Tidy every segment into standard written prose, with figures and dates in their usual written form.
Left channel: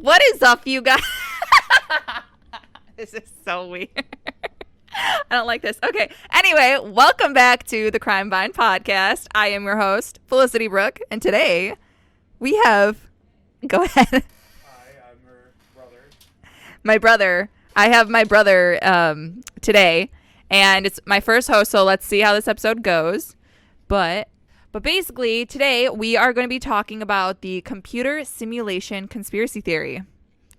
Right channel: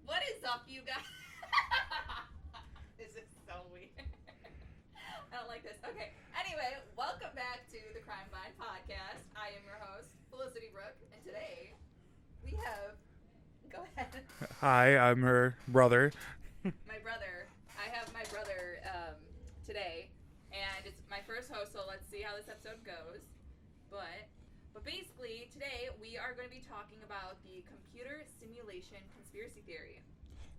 What is up, you guys? This is so weird. I don't like this. Okay. Anyway, welcome back to the Crime Vine podcast. I am your host, Felicity Brooke, and today we have... Go ahead. Hi, I'm her brother. My brother. I have my brother today, and it's my first host, so let's see how this episode goes. But basically, today we are going to be talking about the computer simulation conspiracy theory.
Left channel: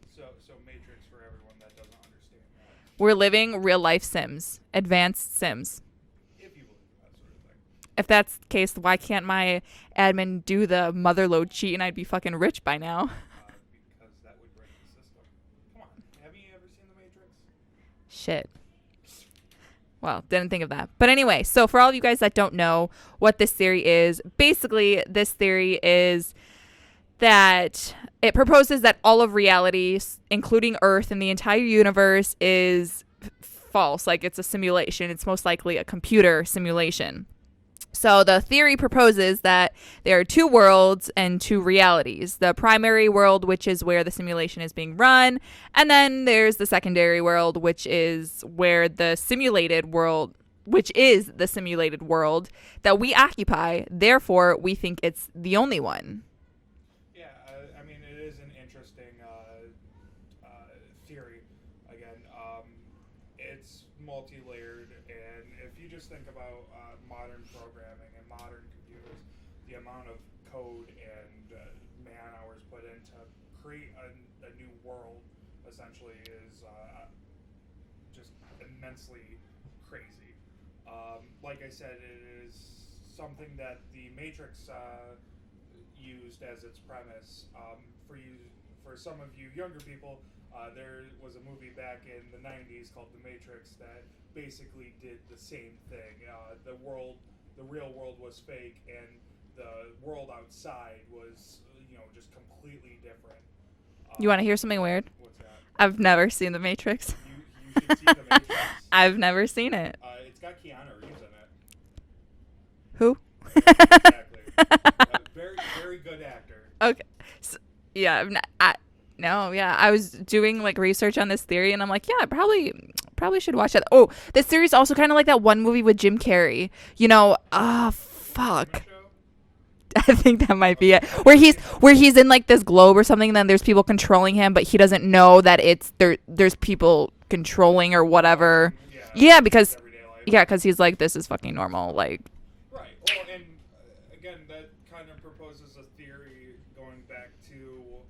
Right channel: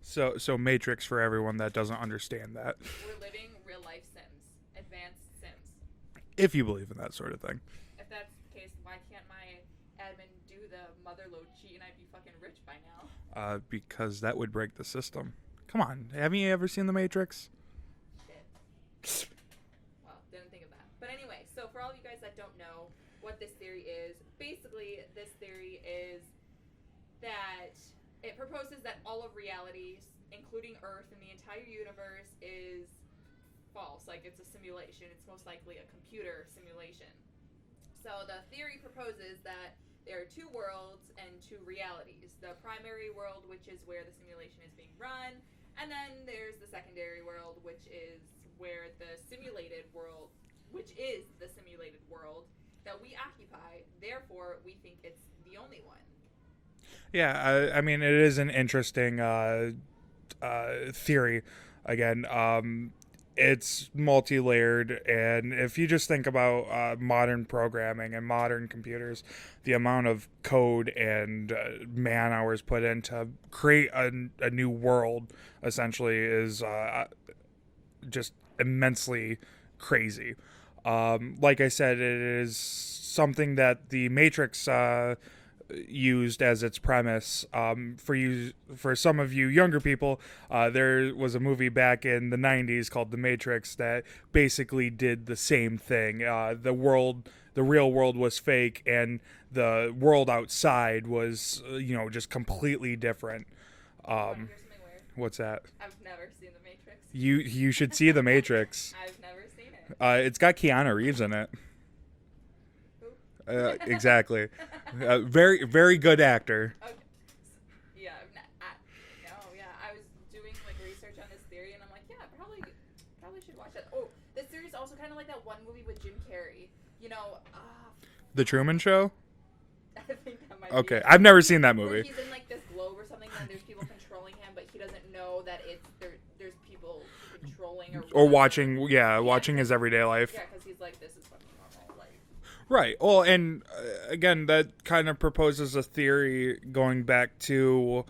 So Matrix for everyone that doesn't understand that. We're living real-life Sims, advanced Sims. If you believe in that sort of thing. If that's the case, why can't my admin do the motherload cheat and I'd be fucking rich by now? Because that would break the system. Come on, haven't you ever seen The Matrix? Shit. Well, didn't think of that. But anyway, so for all of you guys that don't know what this theory is, basically this theory is that it proposes that all of reality, including Earth and the entire universe, is false. Like it's a simulation. It's most likely a computer simulation. So the theory proposes that there are two worlds and two realities. The primary world, which is where the simulation is being run, and then there's the secondary world, which is where the simulated world, which is the simulated world that we occupy. Therefore, we think it's the only one. Yeah, I mean, it is an interesting theory. Again, it's multi-layered, and if you just think about modern programming and modern computers, the amount of code and man hours put in to create a new world essentially is just immensely crazy. Like I said, it is something that the Matrix used as its premise. For some of you younger people, there was a movie back in the 90s called The Matrix that basically did the same thing. The real world was fake, and the world outside was just completely different. You want to hear something weird? What's that? I've never seen The Matrix. You should see The Matrix. I've never seen it. It's got Keanu Reeves in it. Who? Exactly. Very, very good actor. Okay. So, yeah. I was doing like research on this theory, and I'm like, yeah, I probably should watch that. Oh, this theory is also kind of like that one movie with Jim Carrey. The Truman Show? I think that might be it. I've never seen that movie. Where he's in like this globe or something, and then there's people controlling him, but he doesn't know that there's people controlling or whatever. Watching because his everyday life. Yeah, because he's like, this is fucking normal. Like. Right. Well, and again, that kind of proposes a theory going back to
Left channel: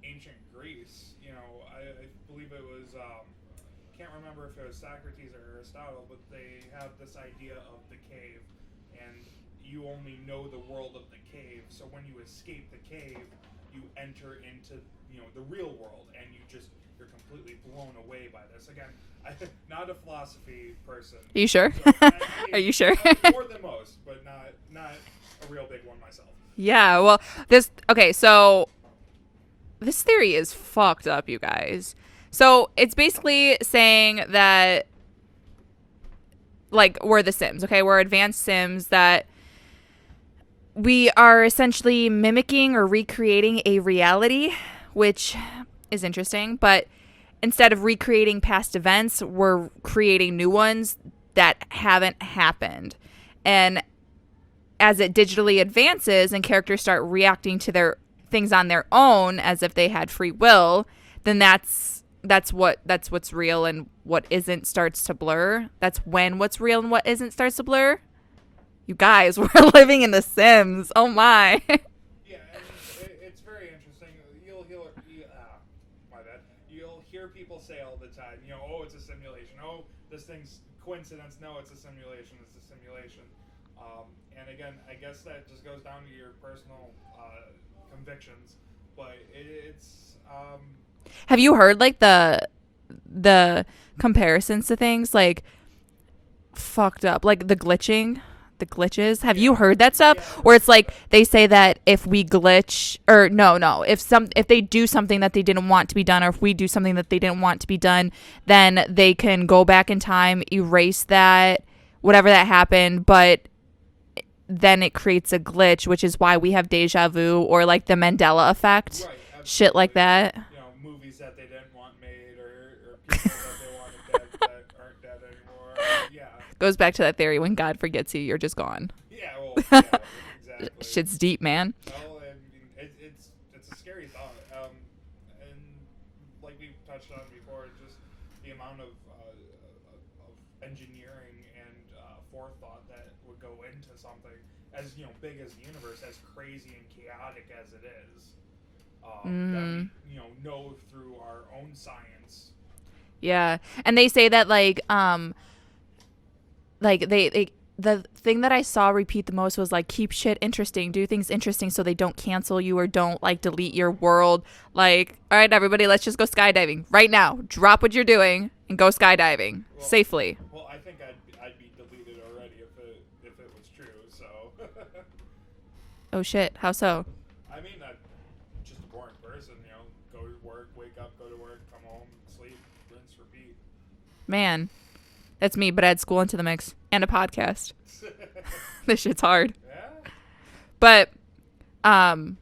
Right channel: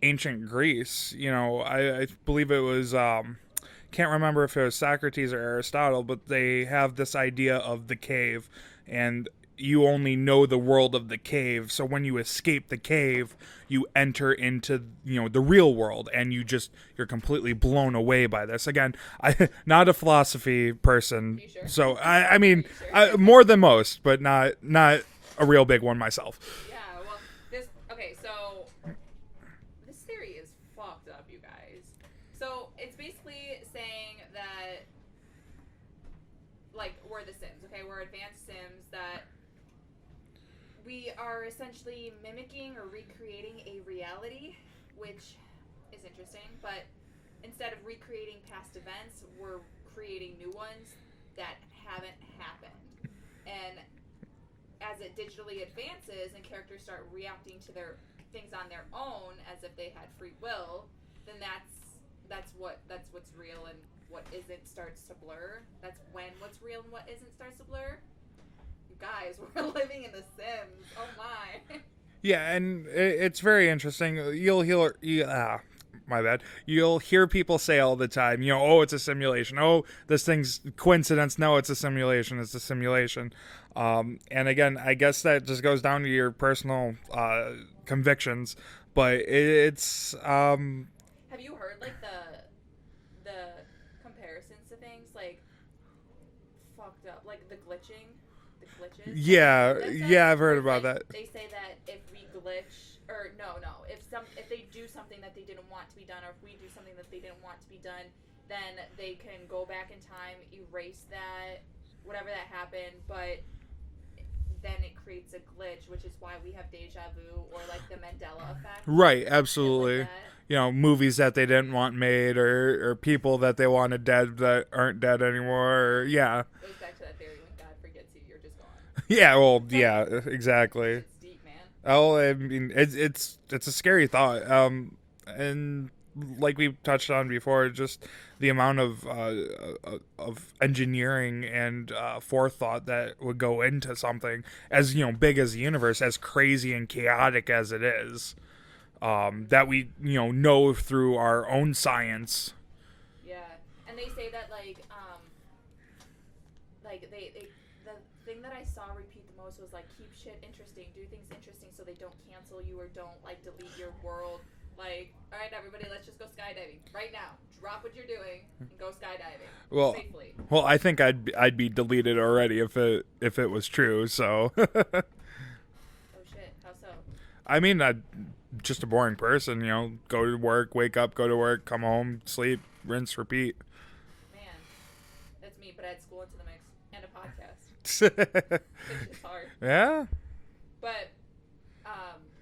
ancient Greece. I believe it was, can't remember if it was Socrates or Aristotle, but they have this idea of the cave, and you only know the world of the cave. So when you escape the cave, you enter into the real world, and you're completely blown away by this. Again, I'm not a philosophy person. Are you sure? So I mean, are you sure? More than most, but not a real big one myself. Yeah. Well, so this theory is fucked up, you guys. So it's basically saying that like we're the Sims, okay? We're advanced Sims that we are essentially mimicking or recreating a reality, which is interesting. But instead of recreating past events, we're creating new ones that haven't happened. And as it digitally advances and characters start reacting to their things on their own as if they had free will, then that's what's real, and what isn't starts to blur. That's when what's real and what isn't starts to blur. You guys, we're living in The Sims. Oh, my. Yeah, and it's very interesting. My bad. You'll hear people say all the time, oh, it's a simulation. Oh, this thing's coincidence. No, it's a simulation. It's a simulation. And again, I guess that just goes down to your personal convictions. But it's... Have you heard, like, the comparisons to things? Like, fucked up. Like, the glitches. Have you heard that stuff? Yeah, I've heard where it's about like that. They say that if we glitch, or no, if they do something that they didn't want to be done, or if we do something that they didn't want to be done, then they can go back in time, erase that, whatever that happened, but then it creates a glitch, which is why we have deja vu or like the Mandela effect. Right, absolutely. Shit like that. You know, movies that they didn't want made, or people that they wanted dead that aren't dead anymore. Or, yeah. Goes back to that theory: when God forgets you, you're just gone. Yeah, well, yeah, exactly. Shit's deep, man. Oh, I mean, it's a scary thought. And like we touched on before, just the amount of engineering and forethought that would go into something as, you know, big as the universe, as crazy and chaotic as it is, that we, you know through our own science. Yeah, and they say that like they the thing that I saw repeat the most was like, keep shit interesting, do things interesting so they don't cancel you or don't like delete your world. Like, all right, everybody, let's just go skydiving right now. Drop what you're doing and go skydiving safely. Well, I think I'd be deleted already if it was true. So. Oh shit! How so? I mean, I'm just a boring person. You know, go to work, wake up, go to work, come home, sleep, rinse, repeat. Man. That's me, but add school into the mix and a podcast. This shit's hard. Yeah. But can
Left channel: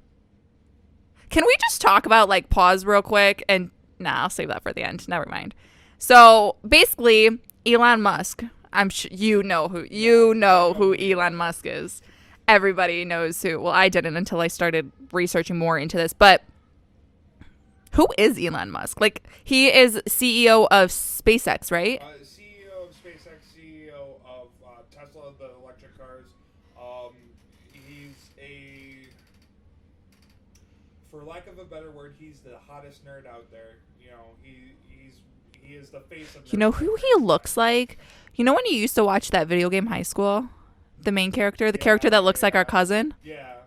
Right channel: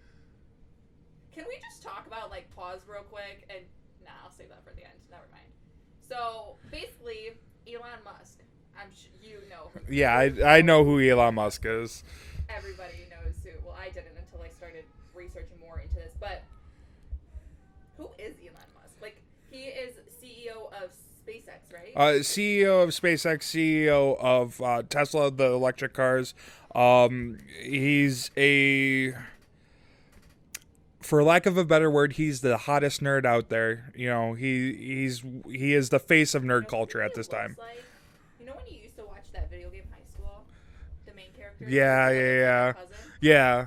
we just talk about like pause real quick? And I'll save that for the end. Never mind. So basically, Elon Musk. I'm sure you know who I know who Elon Musk is. Everybody knows who. Well, I didn't until I started researching more into this. But who is Elon Musk? Like, he is CEO of SpaceX, right? CEO of SpaceX, CEO of Tesla, the electric cars. He's for lack of a better word, he's the hottest nerd out there. You know, he is the face of nerd culture. You know who he looks like? You know when you used to watch that video game High School? The main character, the character that looks like our cousin? Yeah.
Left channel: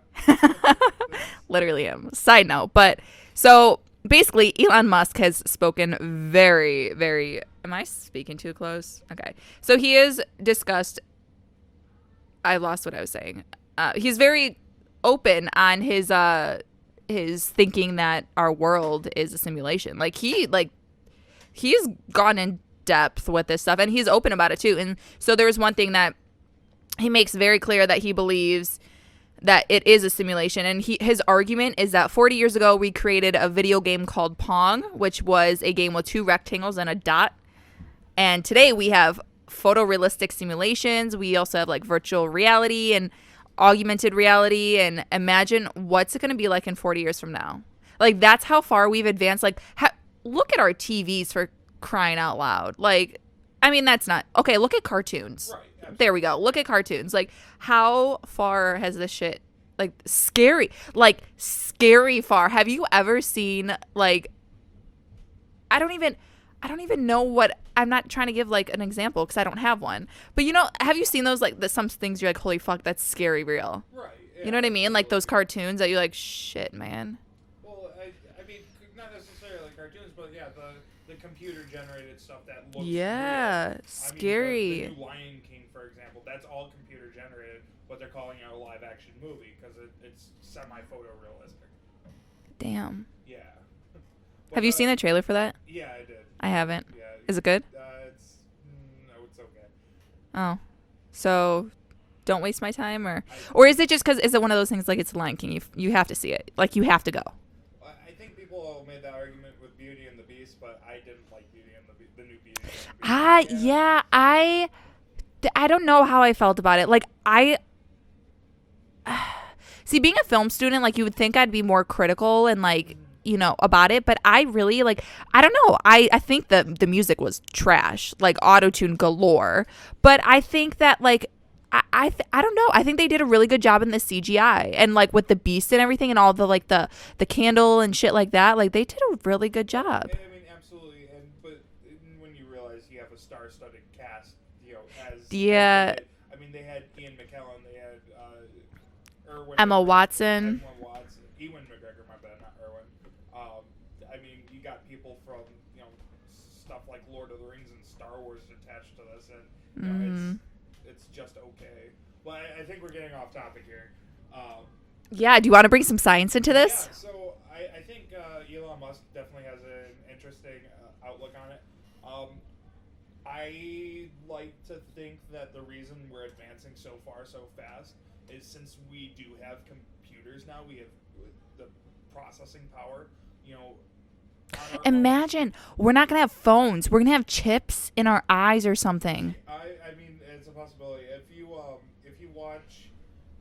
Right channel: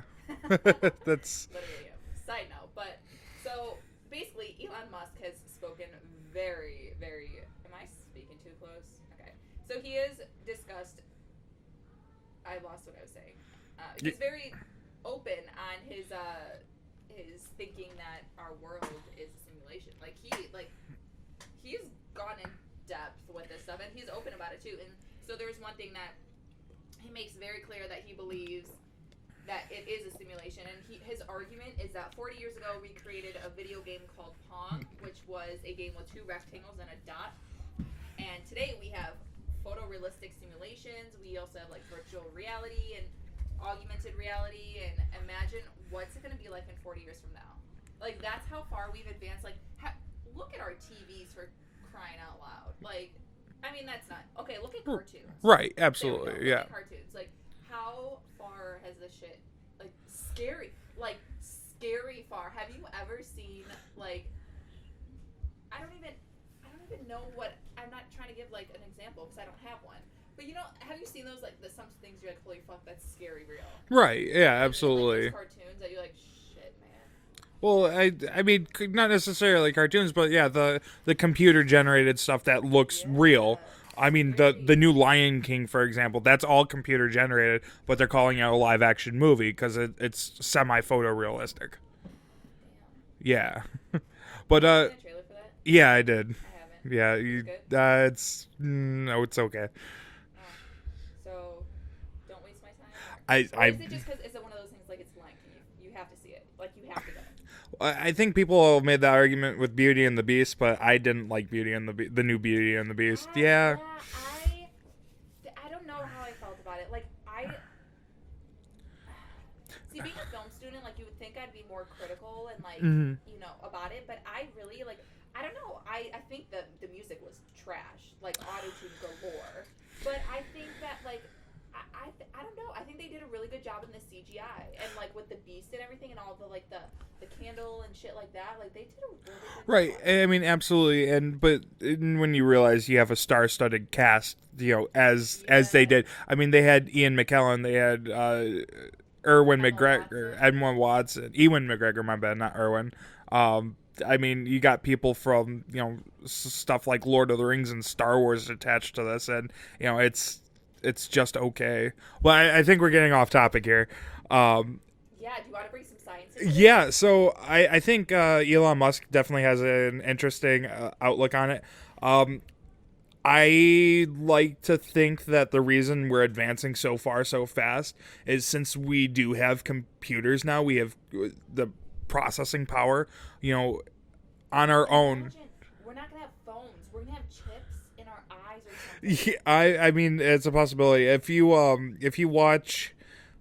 That's literally him. Side note. But so basically, Elon Musk has spoken very, very... Am I speaking too close? Okay. So he has discussed... I lost what I was saying. He's very open on his thinking that our world is a simulation. He's gone in depth with this stuff, and he's open about it too. And so there's one thing that he makes very clear, that he believes that it is a simulation. And his argument is that 40 years ago, we created a video game called Pong, which was a game with two rectangles and a dot. And today we have photorealistic simulations. We also have like virtual reality and augmented reality. And imagine what's it going to be like in 40 years from now. Like, that's how far we've advanced. Like, look at our TVs, for crying out loud. Like, I mean, that's not... Okay, look at cartoons. Right, absolutely. There we go. Look at cartoons. Like, how far has this shit... Like, scary far. Have you ever seen, like... I don't even know what... I'm not trying to give, like, an example because I don't have one. But, you know, have you seen those, like, some things you're like, holy fuck, that's scary real? Right, yeah, you know what absolutely. I mean? Like, those cartoons that you're like, shit, man. Well, I mean, not necessarily cartoons, but yeah, the computer generated stuff that looks real. I mean, the new Lion King, for example, that's all computer generated, but they're calling it a live action movie because it's semi photorealistic. Damn. Yeah. But, have you seen the trailer for that? Yeah, I did. I haven't. Yeah. Is it good? It's okay. Oh, so don't waste my time, or is it just because is it one of those things like it's Lion King? You have to see it. Like, you have to go. I think people have made that argument with Beauty and the Beast, but I didn't like Beauty and the new Beauty and the Beast. Yeah, I don't know how I felt about it. Like, see, being a film student, like, you would think I'd be more critical and like, you know, about it, but I really like, I don't know. I think the music was trash, like auto-tune galore, but I think that like, I don't know. I think they did a really good job in the CGI and like with the beast and everything and all the like the candle and shit like that. Like, they did a really good job. Right. I mean, absolutely. But when you realize you have a star-studded cast, you know, as they did. I mean, they had Ian McKellen. They had Ewan McGregor, my bad, not Erwin. I mean, you got people from, you know, stuff like Lord of the Rings and Star Wars attached to this, and you know, it's just okay. Well, I think we're getting off topic here. Yeah, do you want to bring some science into this? Yeah, so I think Elon Musk definitely has an interesting outlook on it. I like to think that the reason we're advancing so far so fast is since we do have computers now, we have the processing power, on our own. Imagine we're not gonna have phones. We're gonna have chips in our eyes or something. I mean, it's a possibility. If you watch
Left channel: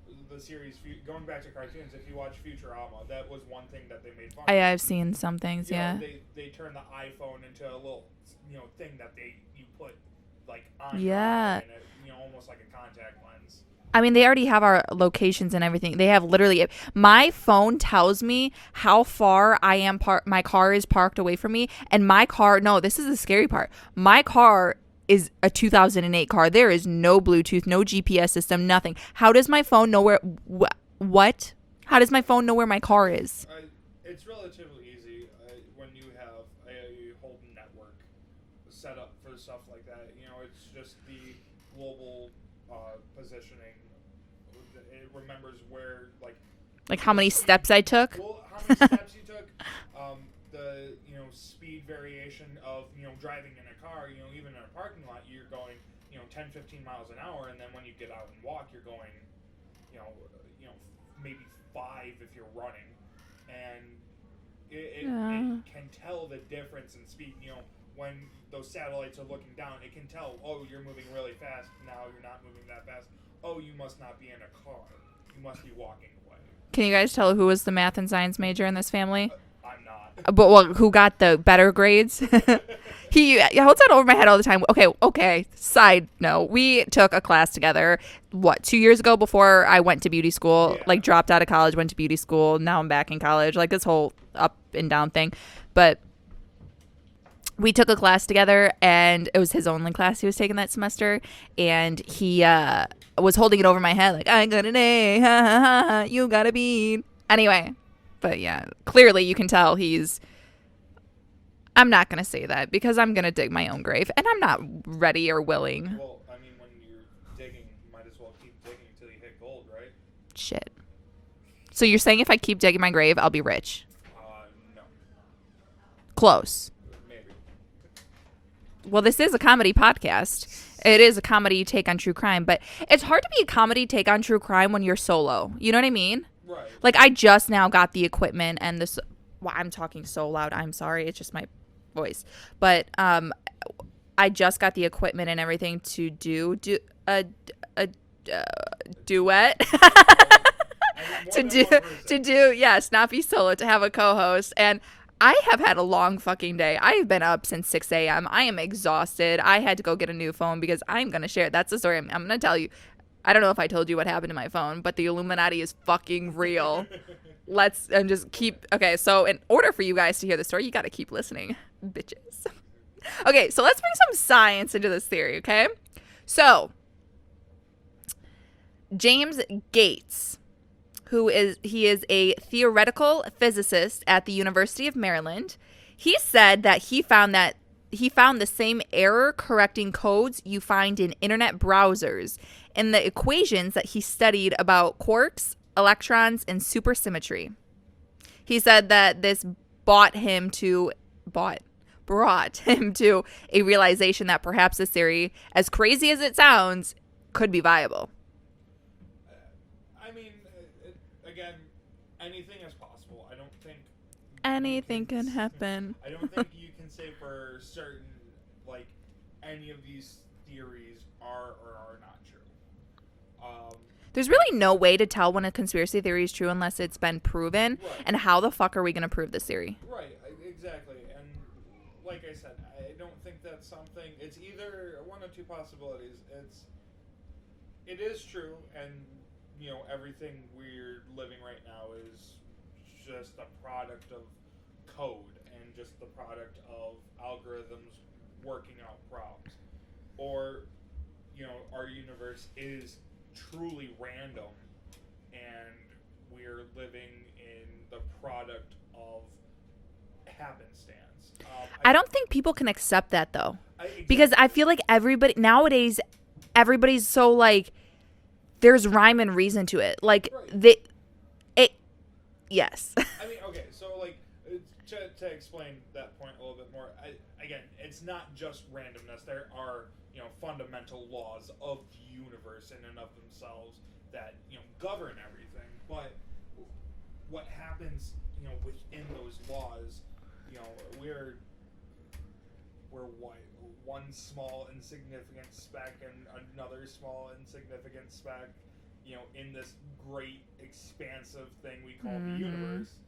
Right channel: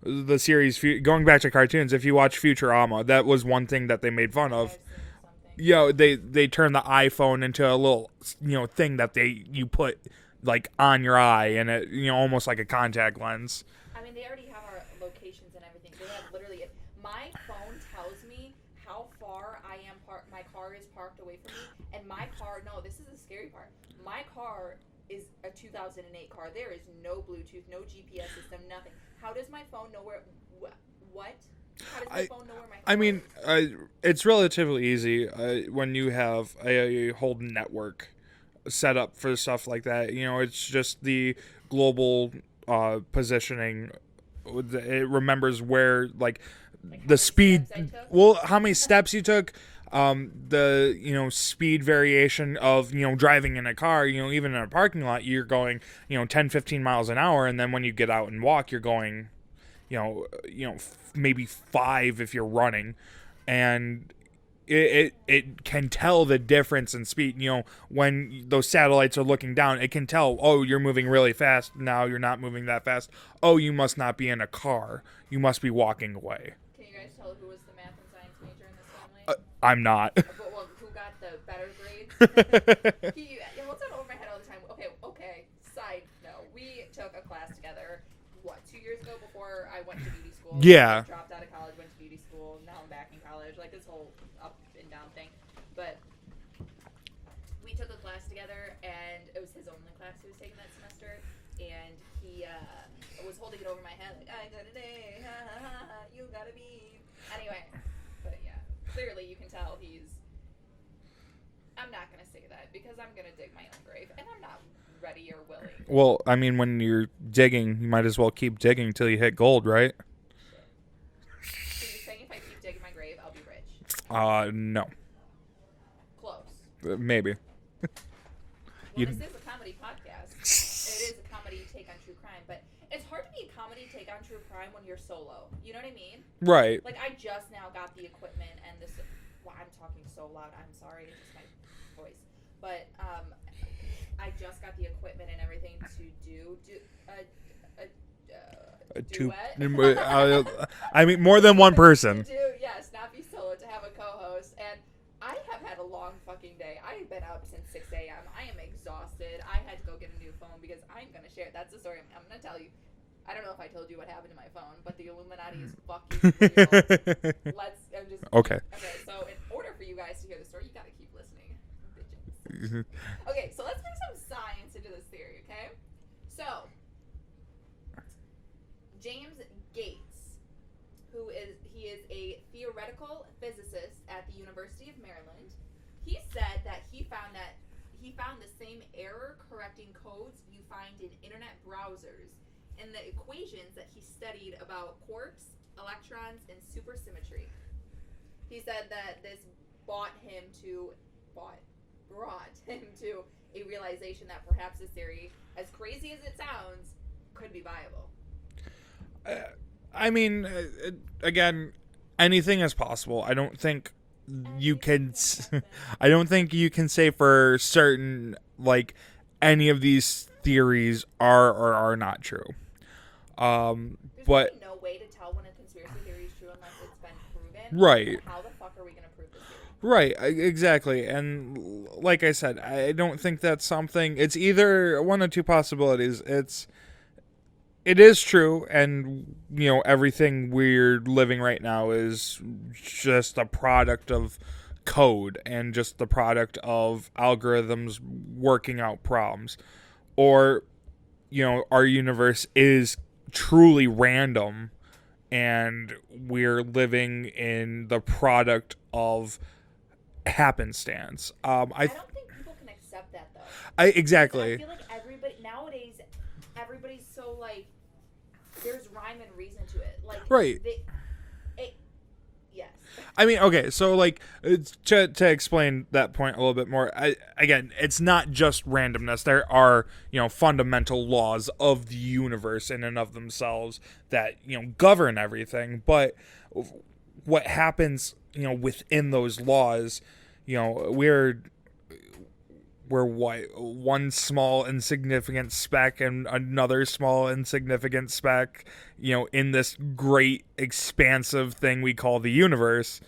the series, going back to cartoons, if you watch Futurama, that was one thing that they made fun of. I've seen some things. They turned the iPhone into a little thing that you put like on your eye, and it almost like a contact lens. I mean, they already have our locations and everything. They have literally, my phone tells me how far I am my car is parked away from me, and my car, no, this is the scary part. My car is a 2008 car. There is no Bluetooth, no GPS system, nothing. How does my phone know where what? How does my phone know where my car is? It's relatively easy when you have a whole network set up for stuff like that. It's just the global positioning. It remembers where how many steps I took. Well, how many steps you took, the speed variation of driving in a car. Even in a parking lot, you're going 10, 15 miles an hour, and then when you get out and walk, you're going maybe 5 if you're running, and it can tell the difference in speed. When those satellites are looking down, it can tell, oh, you're moving really fast. Now you're not moving that fast. Oh, you must not be in a car. You must be walking away. Can you guys tell who was the math and science major in this family? I'm not. But who got the better grades? He holds that over my head all the time. Okay. Side note, we took a class together, 2 years ago before I went to beauty school? Yeah. Dropped out of college, went to beauty school. Now I'm back in college. This whole up and down thing. But we took a class together, and it was his only class he was taking that semester. And he was holding it over my head I got an A, ha, ha, ha, ha, you got a B. Anyway, but yeah, clearly you can tell I'm not going to say that because I'm going to dig my own grave, and I'm not ready or willing. Well, I mean, when you're digging, you might as well keep digging till you hit gold, right? Shit. So you're saying if I keep digging my grave, I'll be rich? No. Close. Maybe. Well, this is a comedy podcast. It is a comedy take on true crime, but it's hard to be a comedy take on true crime when you're solo. You know what I mean? Right. I just now got the equipment and this. Well, I'm talking so loud. I'm sorry. It's just my voice. But I just got the equipment and everything to do a duet. I mean, more than one person. To do, yes, not be solo, to have a co-host. And I have had a long fucking day. I have been up since 6 a.m. I am exhausted. I had to go get a new phone because I'm going to share. That's the story I'm going to tell you. I don't know if I told you what happened to my phone, but the Illuminati is fucking real. Let's just keep. Okay, so in order for you guys to hear the story, you got to keep listening, bitches. Okay, so let's bring some science into this theory, okay? So, James Gates, he is a theoretical physicist at the University of Maryland. He said that he found the same error correcting codes you find in internet browsers in the equations that he studied about quarks, electrons, and supersymmetry. He said that this brought him to a realization that perhaps this theory, as crazy as it sounds, could be viable. I mean, again, anything is possible. I don't think anything can happen. I don't think you can say for certain any of these theories are or are not true. There's really no way to tell when a conspiracy theory is true unless it's been proven. Right. And how the fuck are we going to prove this theory? Right. Exactly. And like I said, I don't think that's something. It's either one of two possibilities. It is true, and everything we're living right now is just a product of code and just the product of algorithms working out problems, or our universe is truly random and we're living in the product of happenstance. I don't think people can accept that though. Exactly. Because I feel like nowadays everybody's so there's rhyme and reason to it. Right. Yes. I mean, okay, so like to explain that point a little bit more, again, it's not just randomness. There are, fundamental laws of the universe in and of themselves that, govern everything. But what happens, within those laws, we're what, one small insignificant speck and another small insignificant speck, in this great expansive thing we call the universe.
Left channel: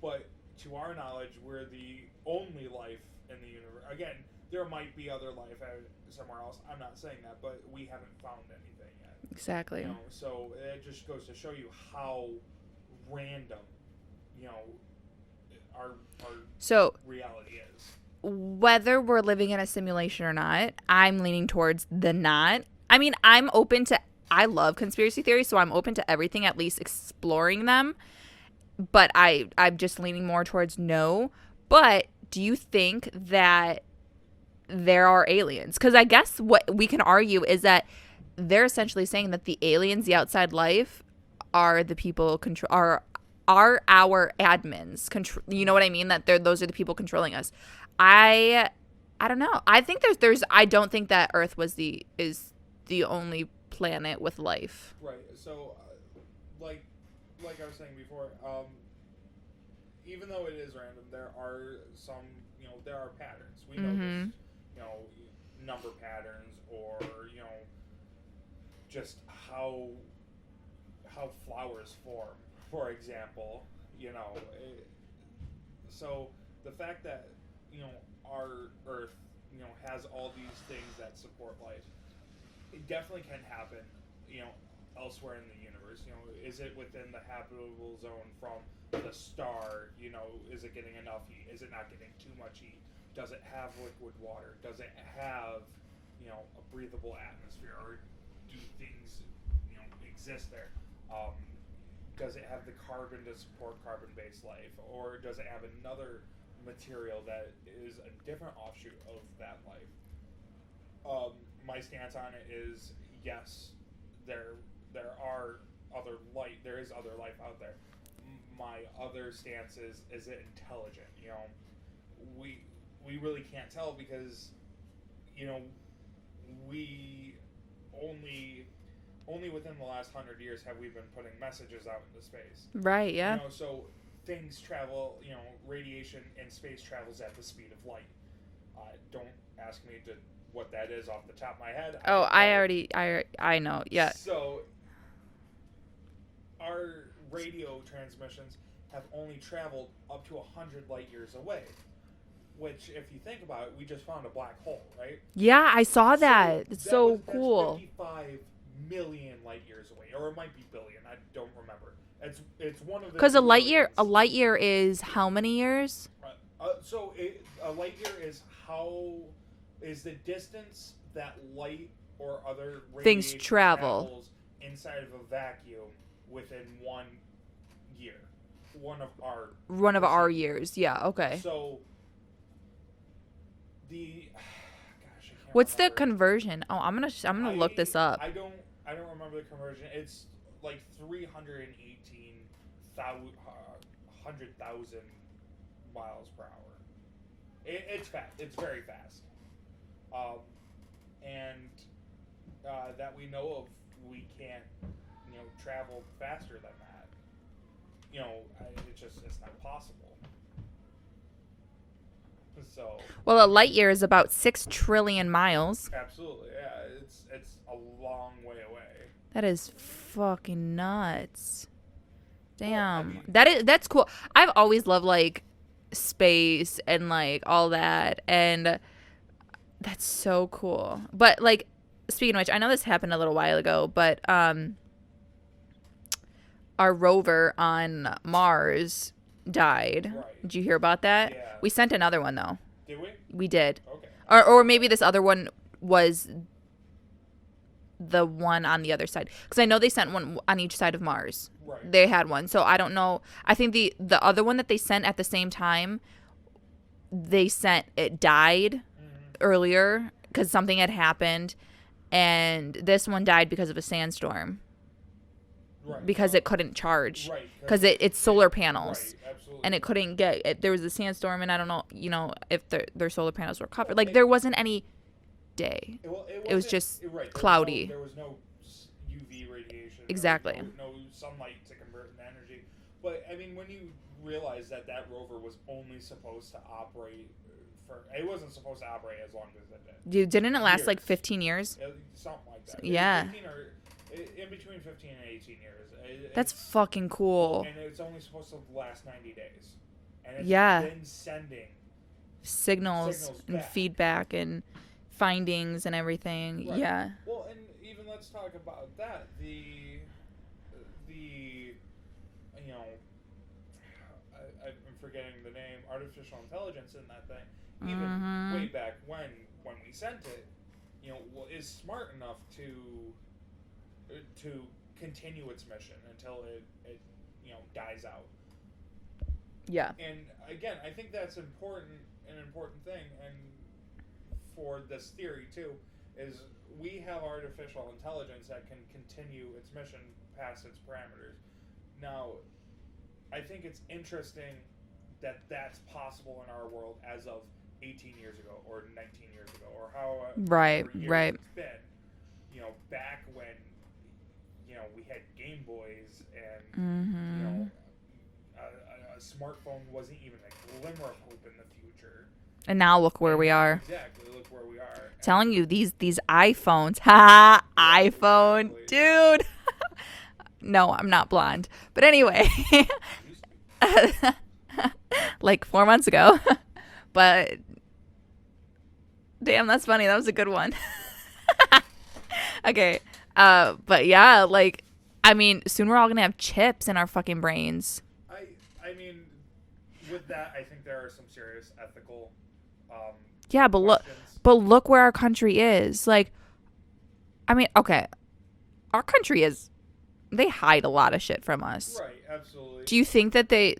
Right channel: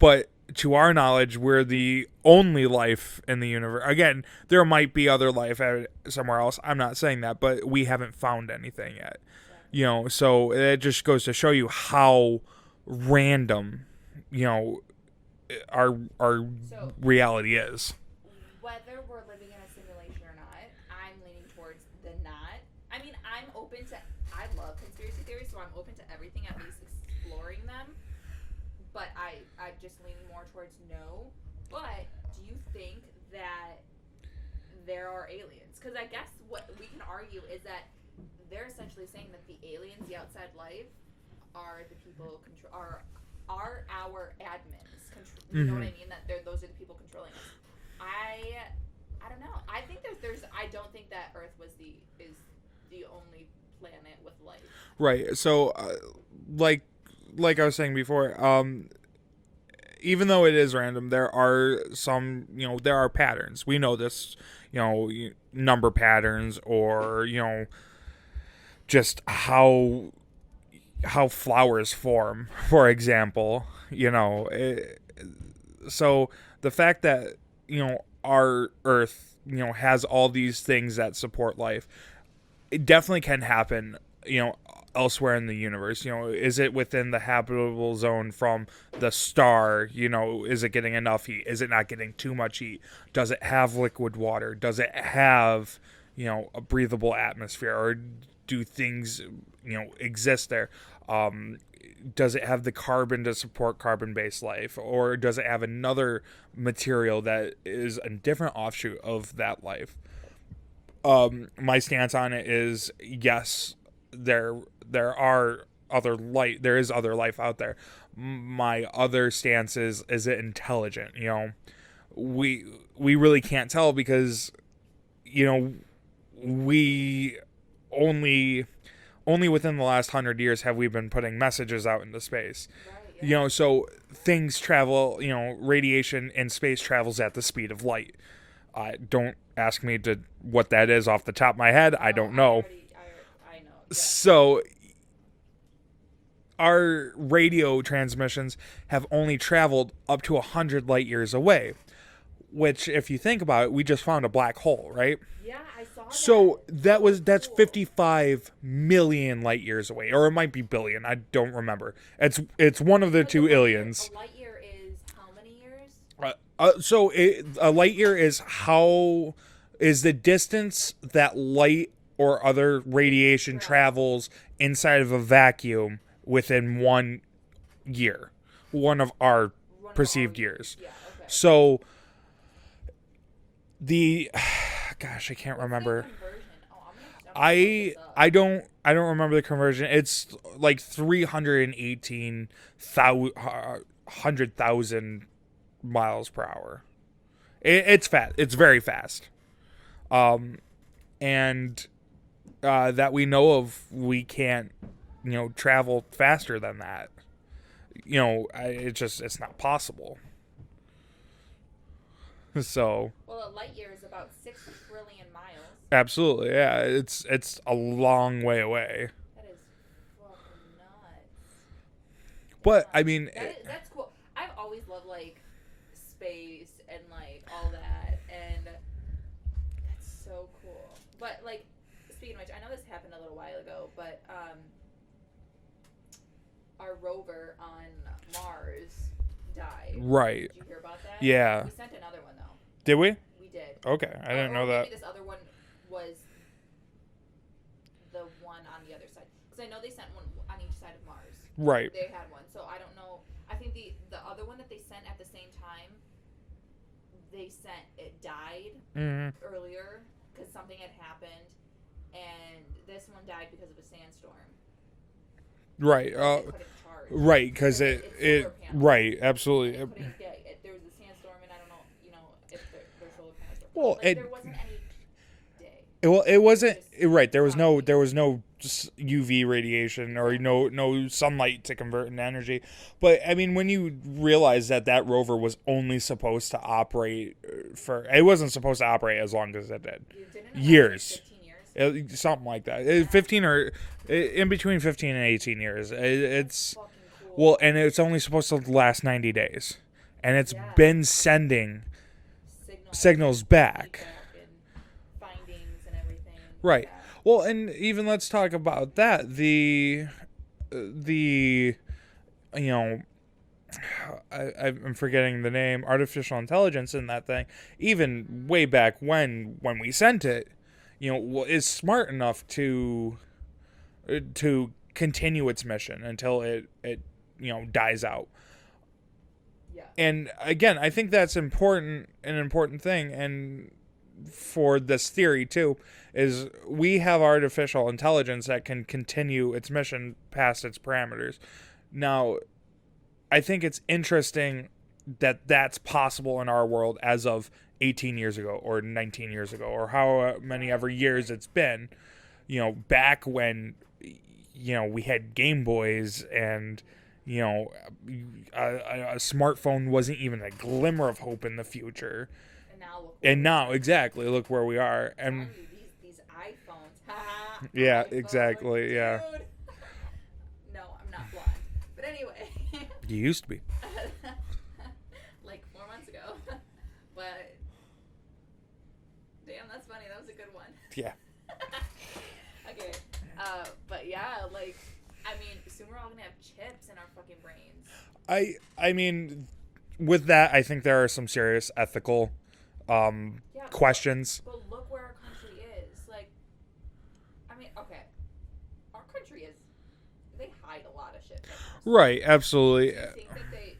But to our knowledge, we're the only life in the universe. Again, there might be other life somewhere else. I'm not saying that, but we haven't found anything yet. Exactly. So it just goes to show you how random, our reality is. Whether we're living in a simulation or not, I'm leaning towards the not. I mean, I love conspiracy theories, so I'm open to everything, at least exploring them. But I'm just leaning more towards no. But do you think that there are aliens? Because I guess what we can argue is that they're essentially saying that the aliens, the outside life, are the people are our admins. You know what I mean? That those are the people controlling us. I don't know. I think there's I don't think that Earth is the only planet with life. Right. So, like I was saying before, even though it is random, there are some, there are patterns. We know this, number patterns, or just how flowers form, for example. So the fact that our Earth has all these things that support life, it definitely can happen elsewhere in the universe. Is it within the habitable zone from the star? Is it getting enough heat? Is it not getting too much heat? Does it have liquid water? Does it have a breathable atmosphere, or do things exist there? Does it have the carbon to support carbon-based life, or does it have another material that is a different offshoot of that life? My stance on it is yes, there is other life out there. My other stance is it intelligent? We really can't tell, because we only within the last 100 years have we been putting messages out into space. Right, yeah. So things travel, radiation in space travels at the speed of light. Don't ask me what that is off the top of my head. I don't know. I know, yeah. So our radio transmissions have only traveled up to 100 light years away. Which, if you think about it, we just found a black hole, right? Yeah, I saw that. So that's 55 million light years away, or it might be billion. I don't remember. It's one of the two aliens. A light year is how many years? So a light year is the distance that light or other radiation travels inside of a vacuum within 1 year. One of our years. Yeah. Okay. So. I can't remember. What's the conversion? Oh, I'm gonna look this up. I don't remember the conversion. It's like 318,000 miles per hour. It's fast. It's very fast. And that we know of, we can't travel faster than that. It's not possible. So, well, a light year is about 6 trillion miles. Absolutely, yeah. It's a long way away. That is fucking nuts. Damn. But I mean, that's cool. I've always loved like space and like all that, and that's so cool. But like, speaking of which, I know this happened a little while ago, but our rover on Mars died. Right. Did you hear about that? Yeah. We sent another one though. Did we? We did. Okay. Or maybe this other one was the one on the other side, because I know they sent one on each side of Mars. Right. They had one, so I don't know. I think the other one that they sent at the same time, it died earlier because something had happened, and this one died because of a sandstorm. Right. Because it couldn't charge. Right. Because it's solar panels. Right. Absolutely. And it couldn't get. There was a sandstorm, and I don't know, if their solar panels were covered. Well, there wasn't any day. Well, it wasn't. Just right. cloudy. There was no UV radiation Exactly. or no sunlight to convert into energy. But I mean, when you realize that rover was only supposed to operate it wasn't supposed to operate as long as it did. Didn't it last like 15 years? Something like that. Yeah. 15 or in between 15 and 18 years. That's fucking cool. Well, and it's only supposed to last 90 days, and it's been sending signals back, feedback, and findings and everything. Right. Yeah. Well, and even let's talk about that. I'm forgetting the name, artificial intelligence in that thing, even way back when we sent it, is smart enough to continue its mission until it dies out. Yeah. And again, I think that's an important thing, and for this theory too, is we have artificial intelligence that can continue its mission past its parameters. Now, I think it's interesting that that's possible in our world as of 18 years ago or 19 years ago or however many ever years it's been. Back when we had Game Boys and a smartphone wasn't even a glimmer of hope in the future. And now look where we are. Exactly, look where we are. Telling you these iPhones, ha, yeah, iPhone, exactly, dude. Yeah. No, I'm not blonde. But anyway. You used to be. Like 4 months ago. But damn, that's funny. That was a good one. Yeah. Okay. But yeah, like, I mean, soon we're all gonna have chips in our fucking brains. I mean, with that, I think there are some serious ethical questions. But look where our country is. Like, I mean, okay, our country is. They hide a lot of shit from us. Right, absolutely. Do you think that they're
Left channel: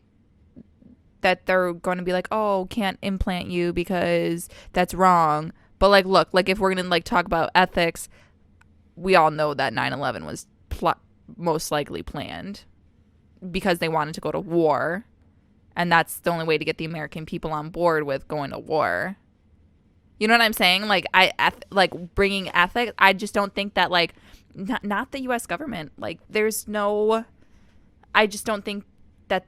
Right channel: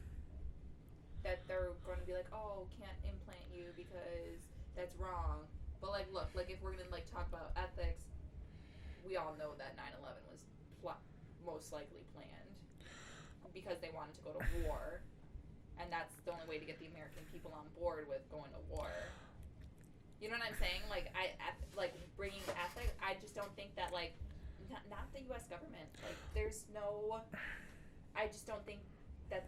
going to be like, oh, can't implant you because that's wrong? But like, look, like if we're going to like talk about ethics, we all know that 9/11 was most likely planned because they wanted to go to war, and that's the only way to get the American people on board with going to war. You know what I'm saying? Like like bringing ethics. I just don't think that like. Not the U.S. government. Like, there's no... I just don't think that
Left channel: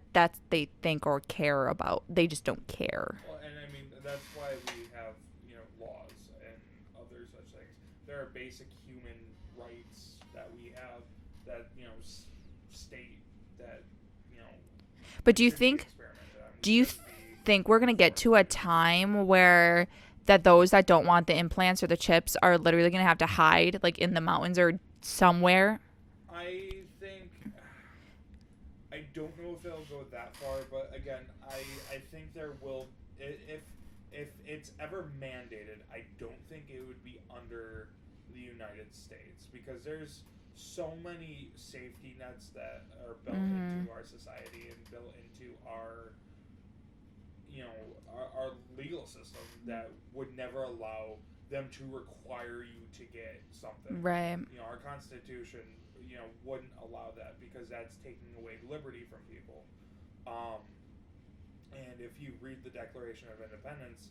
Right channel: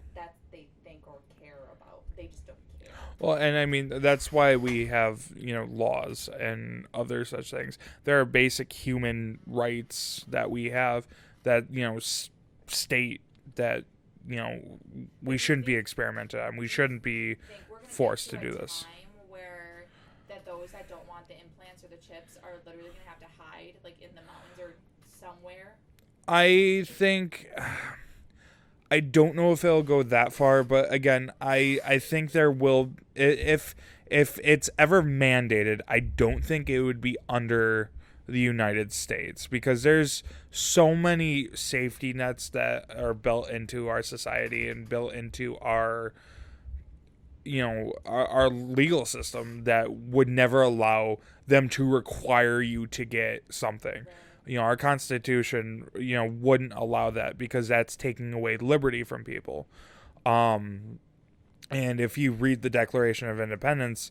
they think or care about. They just don't care. Well, and I mean, that's why we have, laws and other such things. There are basic human rights that we have that, state that, but we shouldn't be experimented on. We shouldn't be think we're going to get to a time where that those that don't want the implants or the chips are literally going to have to hide, like, in the mountains or somewhere? I think... I don't know if it'll go that far, but again, I think there will... If it's ever mandated, I don't think it would be under the United States, because there's so many safety nets that are built into our society and built into our... our legal system that would never allow them to require you to get something. Right. Our Constitution, wouldn't allow that, because that's taking away liberty from people. And if you read the Declaration of Independence,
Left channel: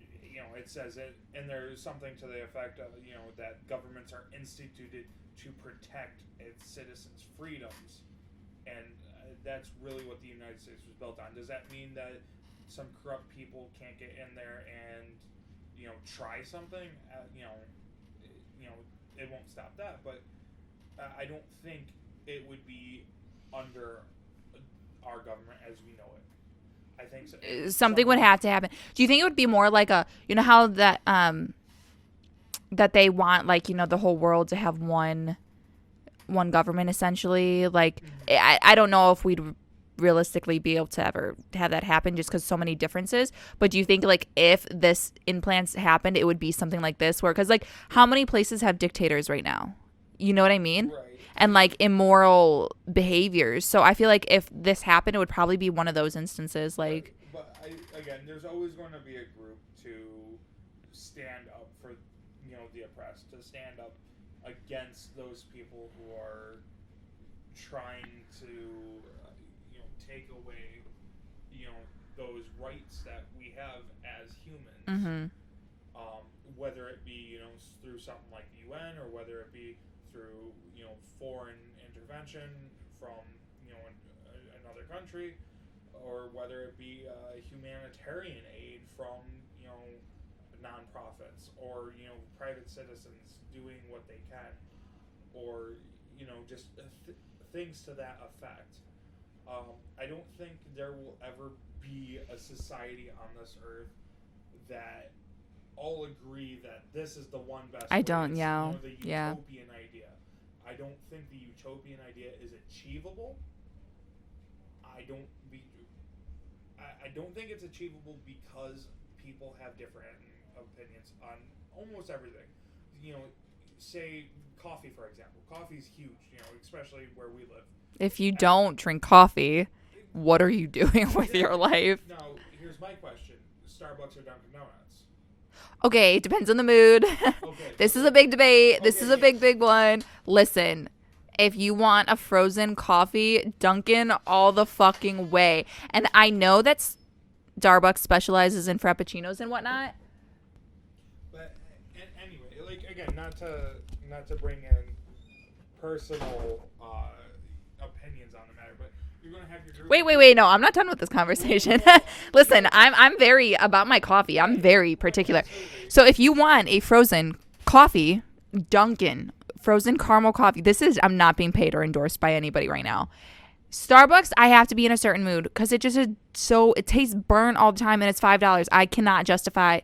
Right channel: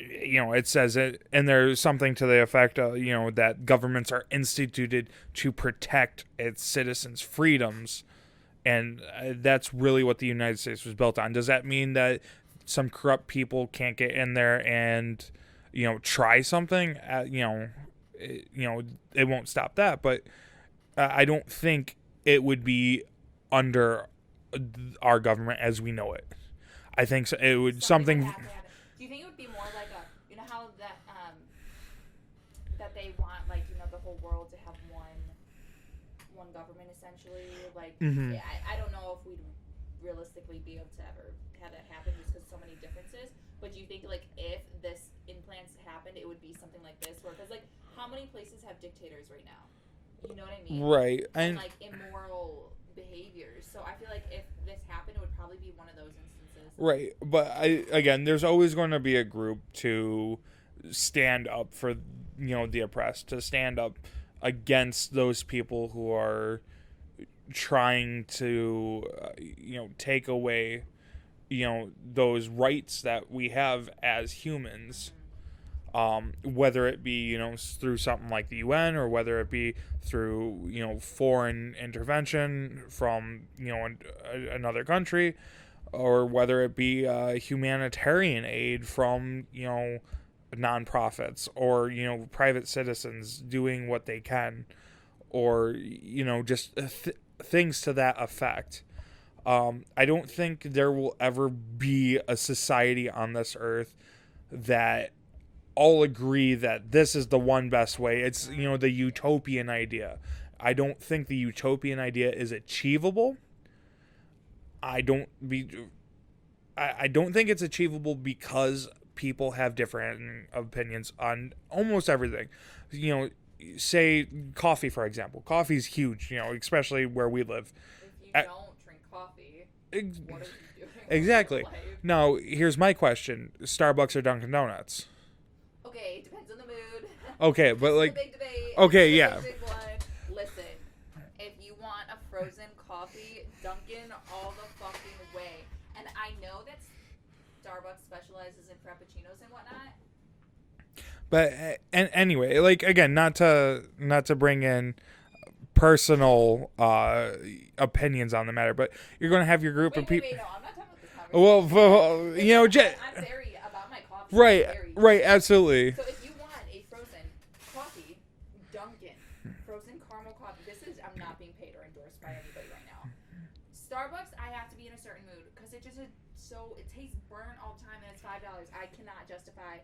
it says it, and there's something to the effect of, that governments are instituted to protect its citizens' freedoms. And that's really what the United States was built on. Does that mean that some corrupt people can't get in there and, try something? It won't stop that. But I don't think it would be under our government as we know it. I think so, it would something would have to happen. Do you think it would be more like a, how that that they want, like, the whole world to have one government, essentially? Like, I don't know if we'd realistically be able to ever have that happen, just because so many differences. But do you think, like, if this implants happened, it would be something like this, where, because, like, how many places have dictators right now? You know what I mean? Right. And like immoral behaviors. So I feel like if this happened, it would probably be one of those instances. Like, right. But again, there's always going to be a group to stand up for, the oppressed, to stand up against those people who are, trying to take away those rights that we have as humans. Whether it be through something like the UN, or whether it be through foreign intervention from another country, or whether it be humanitarian aid from nonprofits, or private citizens doing what they can, or just things to that effect. I don't think there will ever be a society on this earth that all agree that this is the one best way. It's the utopian idea. I don't think the utopian idea is achievable. I don't think it's achievable because people have different opinions on almost everything. Say coffee, for example. Coffee's huge, especially where we live. If you don't drink coffee, what are you doing with your life? Now, here's my question. Starbucks or Dunkin' Donuts? Okay, it depends on the mood. Okay. This is a big debate. This is a big one. Listen, if you want a frozen coffee, Dunkin' all the fucking way. And I know that Starbucks specializes in frappuccinos and whatnot. But anyway, again, not to bring in personal opinions on the matter, but you're going to have your group. Wait. No, I'm not done with this conversation. Listen, I'm very about my coffee. Right, I'm very particular. Right, absolutely. So if you want a frozen coffee, Dunkin' frozen caramel coffee. I'm not being paid or endorsed by anybody right now. Starbucks, I have to be in a certain mood because it tastes burnt all the time, and it's $5. I cannot justify.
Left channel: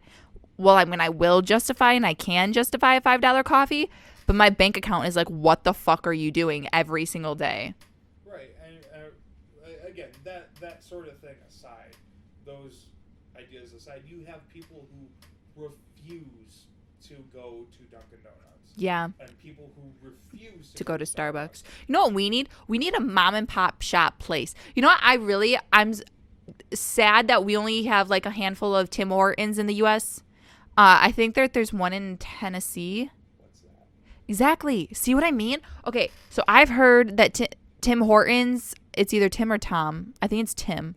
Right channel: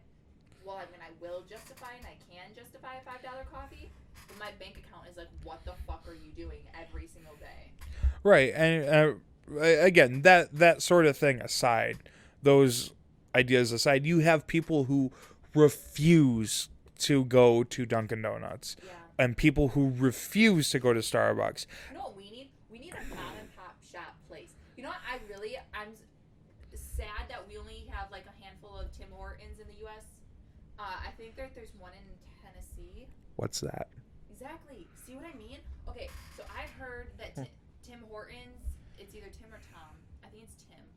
Well, I will justify, and I can justify a $5 coffee, but my bank account is like, what the fuck are you doing every single day? Right. And again, that sort of thing aside, those ideas aside, you have people who refuse to go to Dunkin' Donuts. Yeah. And people who refuse to go to Starbucks. No, we need a mom and pop shop place. You know what? I'm sad that we only have like a handful of Tim Hortons in the U.S. I think there's one in Tennessee. What's that? Exactly. See what I mean? Okay, so I've heard that Tim Hortons, it's either Tim or Tom. I think it's Tim.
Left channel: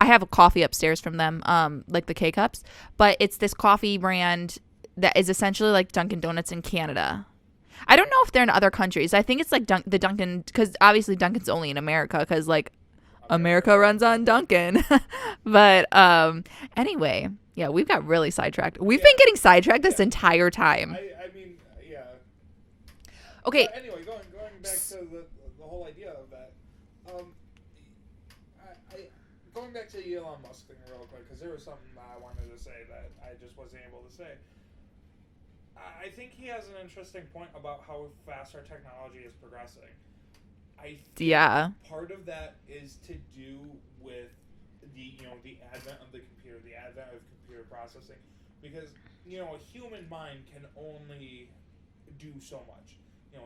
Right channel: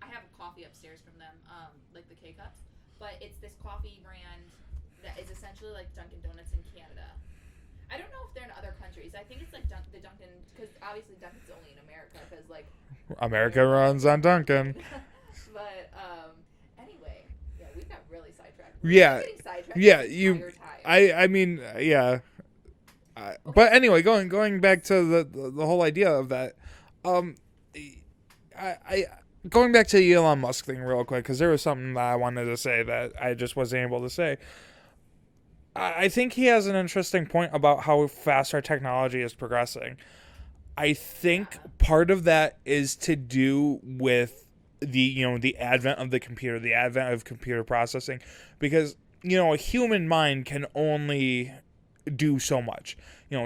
I have a coffee upstairs from them, like the K-Cups. But it's this coffee brand that is essentially like Dunkin' Donuts in Canada. I don't know if they're in other countries. I think it's like the Dunkin', because obviously Dunkin's only in America, because like America runs on Dunkin'. But anyway, yeah, we've got really sidetracked. We've been getting sidetracked this entire time. I mean, yeah. Okay. But anyway, going back to the whole idea of that, going back to the Elon Musk thing real quick, because there was something that I wanted to say that I just wasn't able to say. I think he has an interesting point about how fast our technology is progressing. I think part of that is to do with the advent of the computer, the advent of computer processing, because a human mind can only do so much.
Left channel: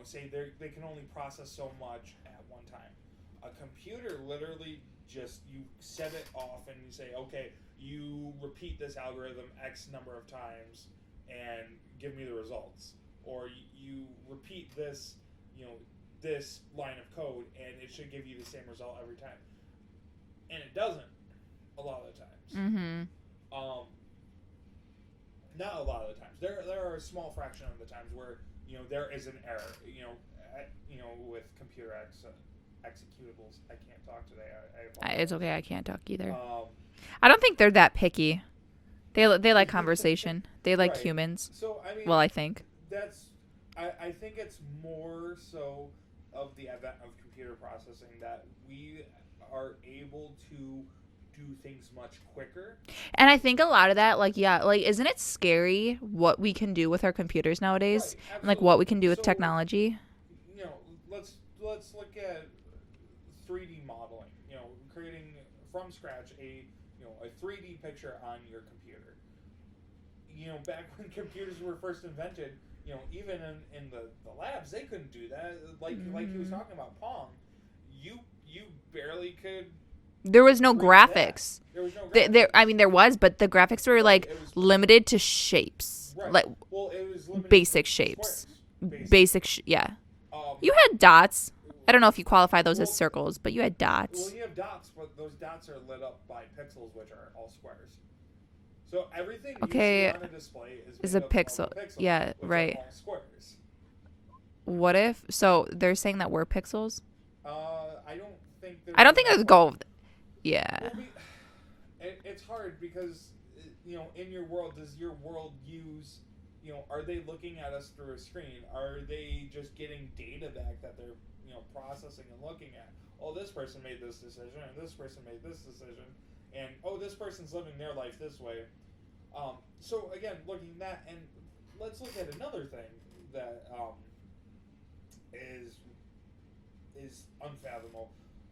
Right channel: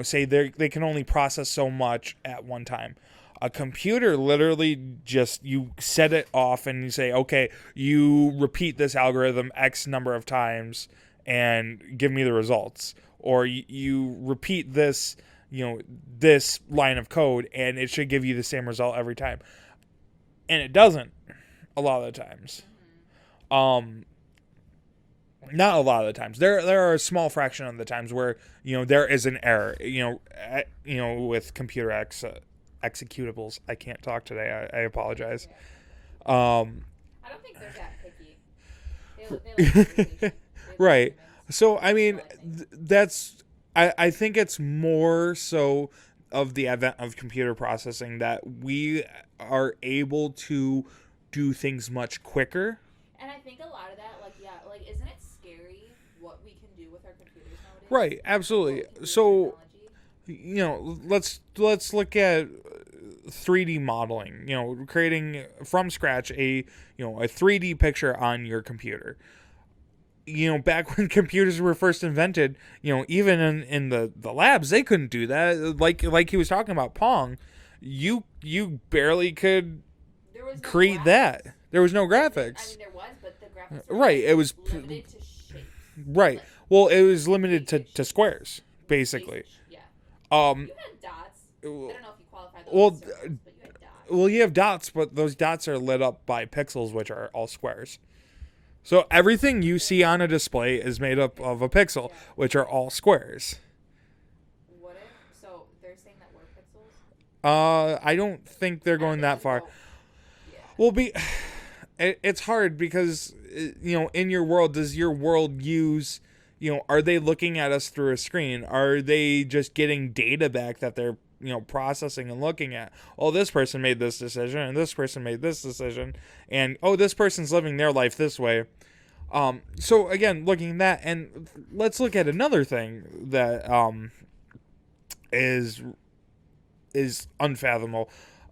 Say they can only process so much at one time. A computer literally just, you set it off and you say, okay, you repeat this algorithm X number of times and give me the results. Or you repeat this, this line of code and it should give you the same result every time. And it doesn't a lot of the times. Mm-hmm. Not a lot of the times. There are a small fraction of the times where, there is an error, with computer executables. I can't talk today. I apologize. It's okay. I can't talk either. I don't think they're that picky. They like conversation. They like humans. So I mean, well, I think I think it's more so of the advent of computer processing that we are able to do things much quicker. And I think a lot of that, isn't it scary what we can do with our computers nowadays? Right, absolutely. Like what we can do with technology. Let's look at 3D modeling. Creating from scratch a 3D picture on your computer. Back when computers were first invented, even in the labs, they couldn't do that. Like he was talking about Pong, you barely could. There was no graphics. That. There was no graphics. There was, but the graphics were it was limited to shapes. Right. It was limited basic to shapes. Squares. Basically. Yeah. You had dots. I don't know if you qualify those as circles, but you had dots. Well, you have dots, but those dots are lit up by pixels, which are all squares. So everything you see on a display is made up of a pixel, which are all squares. What if? So they're saying that we're pixels? I don't think they're. I don't think it's gold. Yeah. Well, it's hard because in your world, does your world use? Are they looking at us through a screen? Are they just getting data back that they're, processing and looking at? Oh, this person made this decision, and this person made this decision, and this person's living their life this way. So again, looking at that, and let's look at another thing that is unfathomable,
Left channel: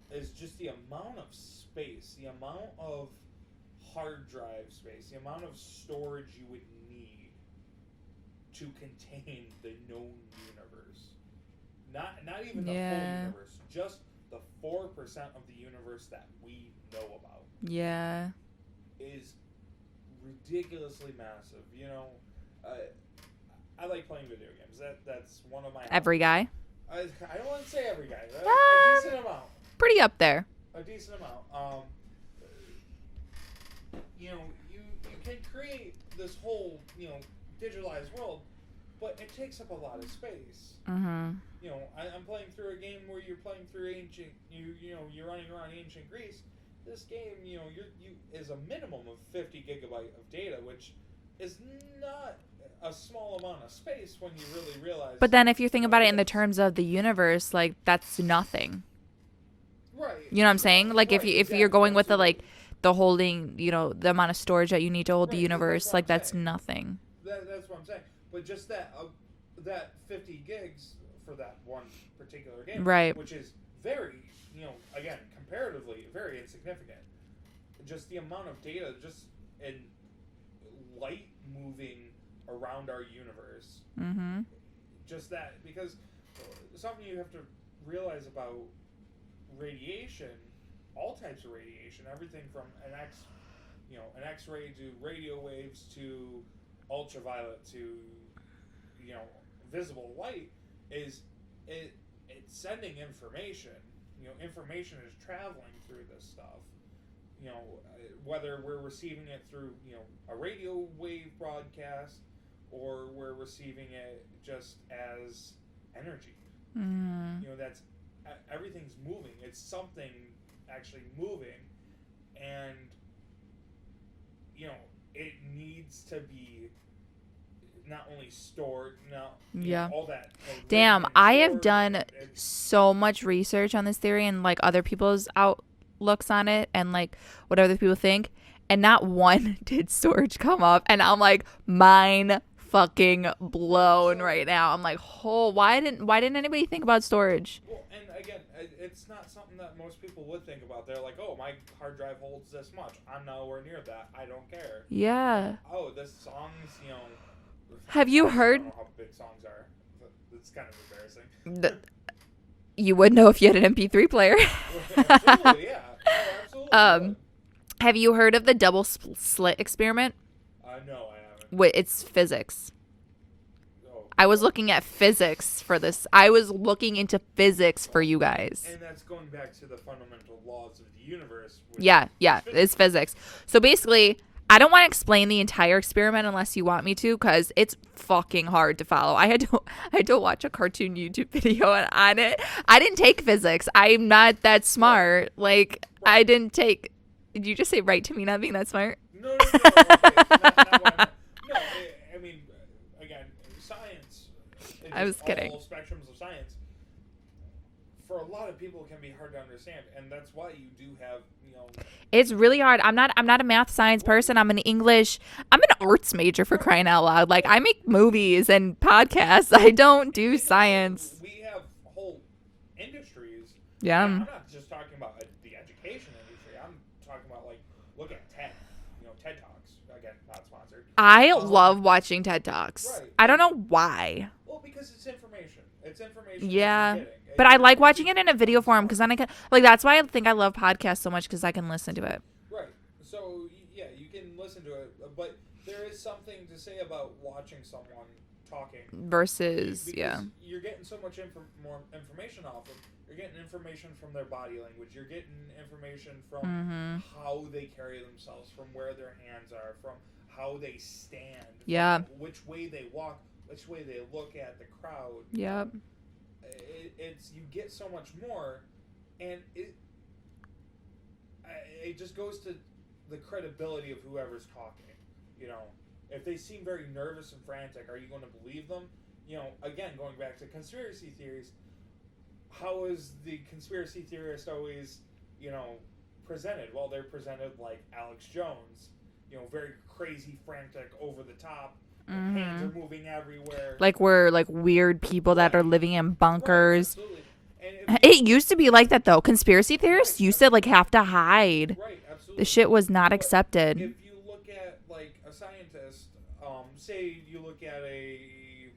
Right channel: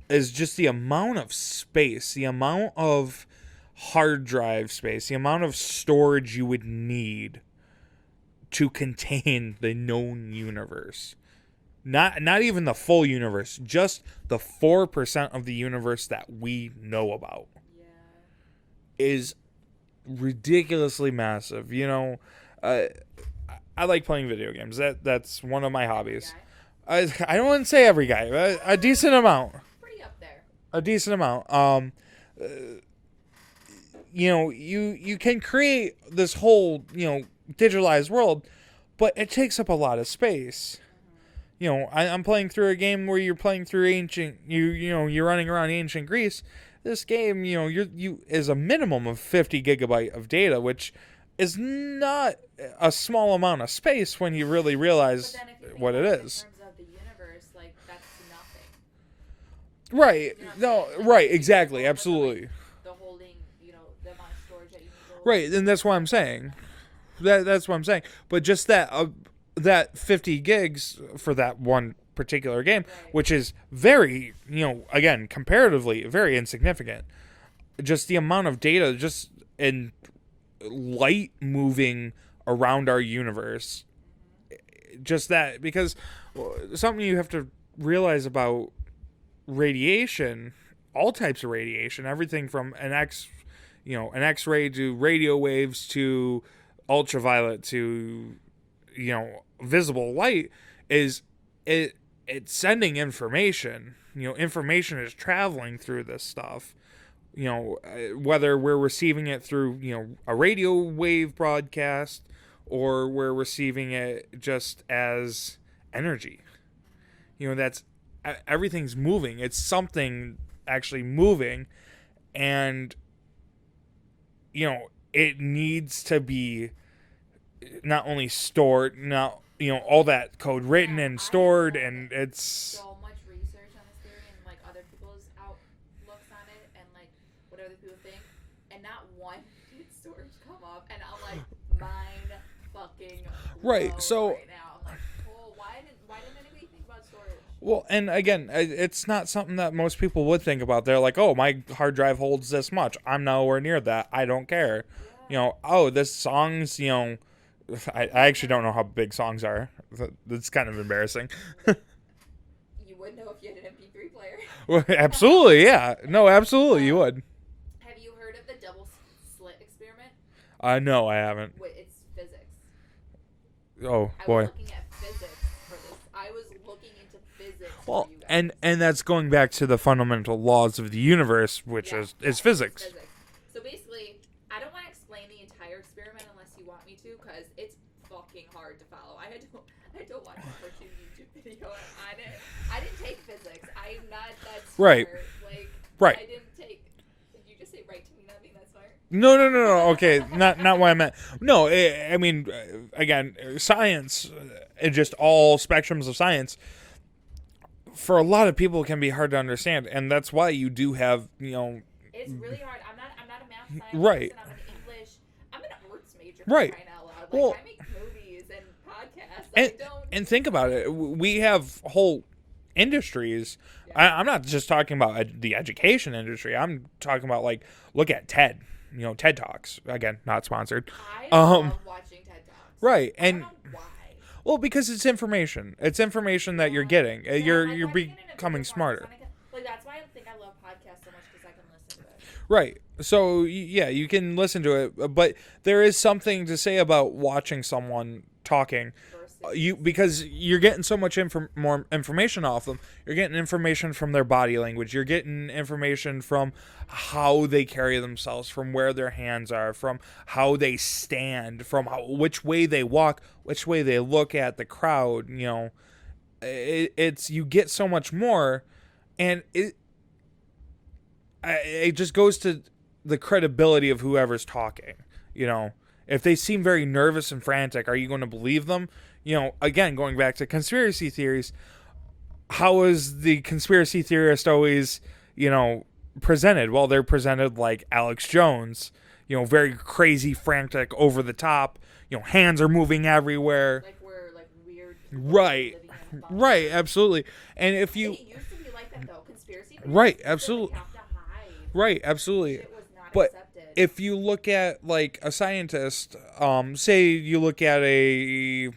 is just the amount of space, the amount of hard drive space, the amount of storage you would need to contain the known universe. Not even the full universe, just the 4% of the universe that we know about. Yeah. Is ridiculously massive. I like playing video games. That's one of my hobbies. Every guy? I don't want to say every guy. A decent amount. Pretty up there. A decent amount. You can create this whole, digitalized world, but it takes up a lot of space. Mm-hmm. I'm playing through a game where you're playing through you're running around ancient Greece. This game, you is a minimum of 50 gigabyte of data, which is not a small amount of space when you really realize. But then if you think about it in the terms of the universe, like, that's nothing. Right. You know what I'm saying? Like, right, if you're going with the holding, the amount of storage that you need to hold the universe, that's what I'm that's saying. Nothing. That's what I'm saying. But just that 50 gigs for that one particular game, right, which is very, again, comparatively very insignificant. Just the amount of data just in light moving around our universe. Mm-hmm. Just that, because something you have to realize about radiation, all types of radiation, everything from an X-ray to radio waves to ultraviolet to visible light, it's sending information. Information is traveling through this stuff. Whether we're receiving it through a radio wave broadcast or we're receiving it just as energy. That's everything's moving. It's something actually moving, and it needs to be not only stored, all that code written and stored. I have done and it's so much research on this theory and like other people's outlooks on it and like what other people think, and not one did storage come up, and I'm like, mine fucking blown right now. I'm like, why didn't anybody think about storage? Well, and again, it's not something that most people would think about. They're like, oh, my hard drive holds this much. I'm nowhere near that. I don't care. Yeah. This song's, I actually don't know how big songs are. That's kind of embarrassing. You would know if you had an MP3 player. Absolutely, yeah. No, absolutely, you would. Have you heard of the double slit experiment? No, I haven't. It's physics. Oh, I was looking at physics for this. I was looking into physics for you guys. And that's going back to the fundamental laws of the universe, which is physics. It's physics. So basically, I don't want to explain the entire experiment unless you want me to, because it's fucking hard to follow. I had to watch a cartoon YouTube video on it. I didn't take physics. I'm not that smart. Right. I didn't take... Did you just say right to me not being that smart? No. Okay, not what I meant. No, I mean, again, science, just all spectrums of science, for a lot of people can be hard to understand, and that's why you do have, It's really hard. I'm not a math science person. I'm an arts major for crying out loud. Like, I make movies and podcasts. I don't do science. We have whole industries. Yeah. I'm not just talking about the education industry. I'm talking about, like, look at TED. TED Talks. Again, not sponsored. I love watching TED Talks. Right. I don't know why. Well, because it's information. It's information that you're getting. But I like watching it in a video form because then I can, like, that's why I think I love podcasts so much, because I can listen to it. Right. So, yeah, you can listen to it. But there is something to say about watching someone talking versus because you're getting so much more information off them. You're getting information from their body language. You're getting information from how they carry themselves, from where their hands are, from how they stand, from which way they walk, which way they look at the crowd. You know, it's you get so much more, and it just goes to the credibility of whoever's talking. You know, if they seem very nervous and frantic, are you going to believe them? You know, again, going back to conspiracy theories, how is the conspiracy theorist always, you know, presented? Well, they're presented like Alex Jones, you know, very crazy, frantic, over the top. You know, hands are moving everywhere. Like we're like weird people that are living in bunkers. Right, absolutely. And if it used to be like that though. Conspiracy theorists used to like have to hide. Right, absolutely. The shit was not accepted. If you look at like a scientist, say you look at a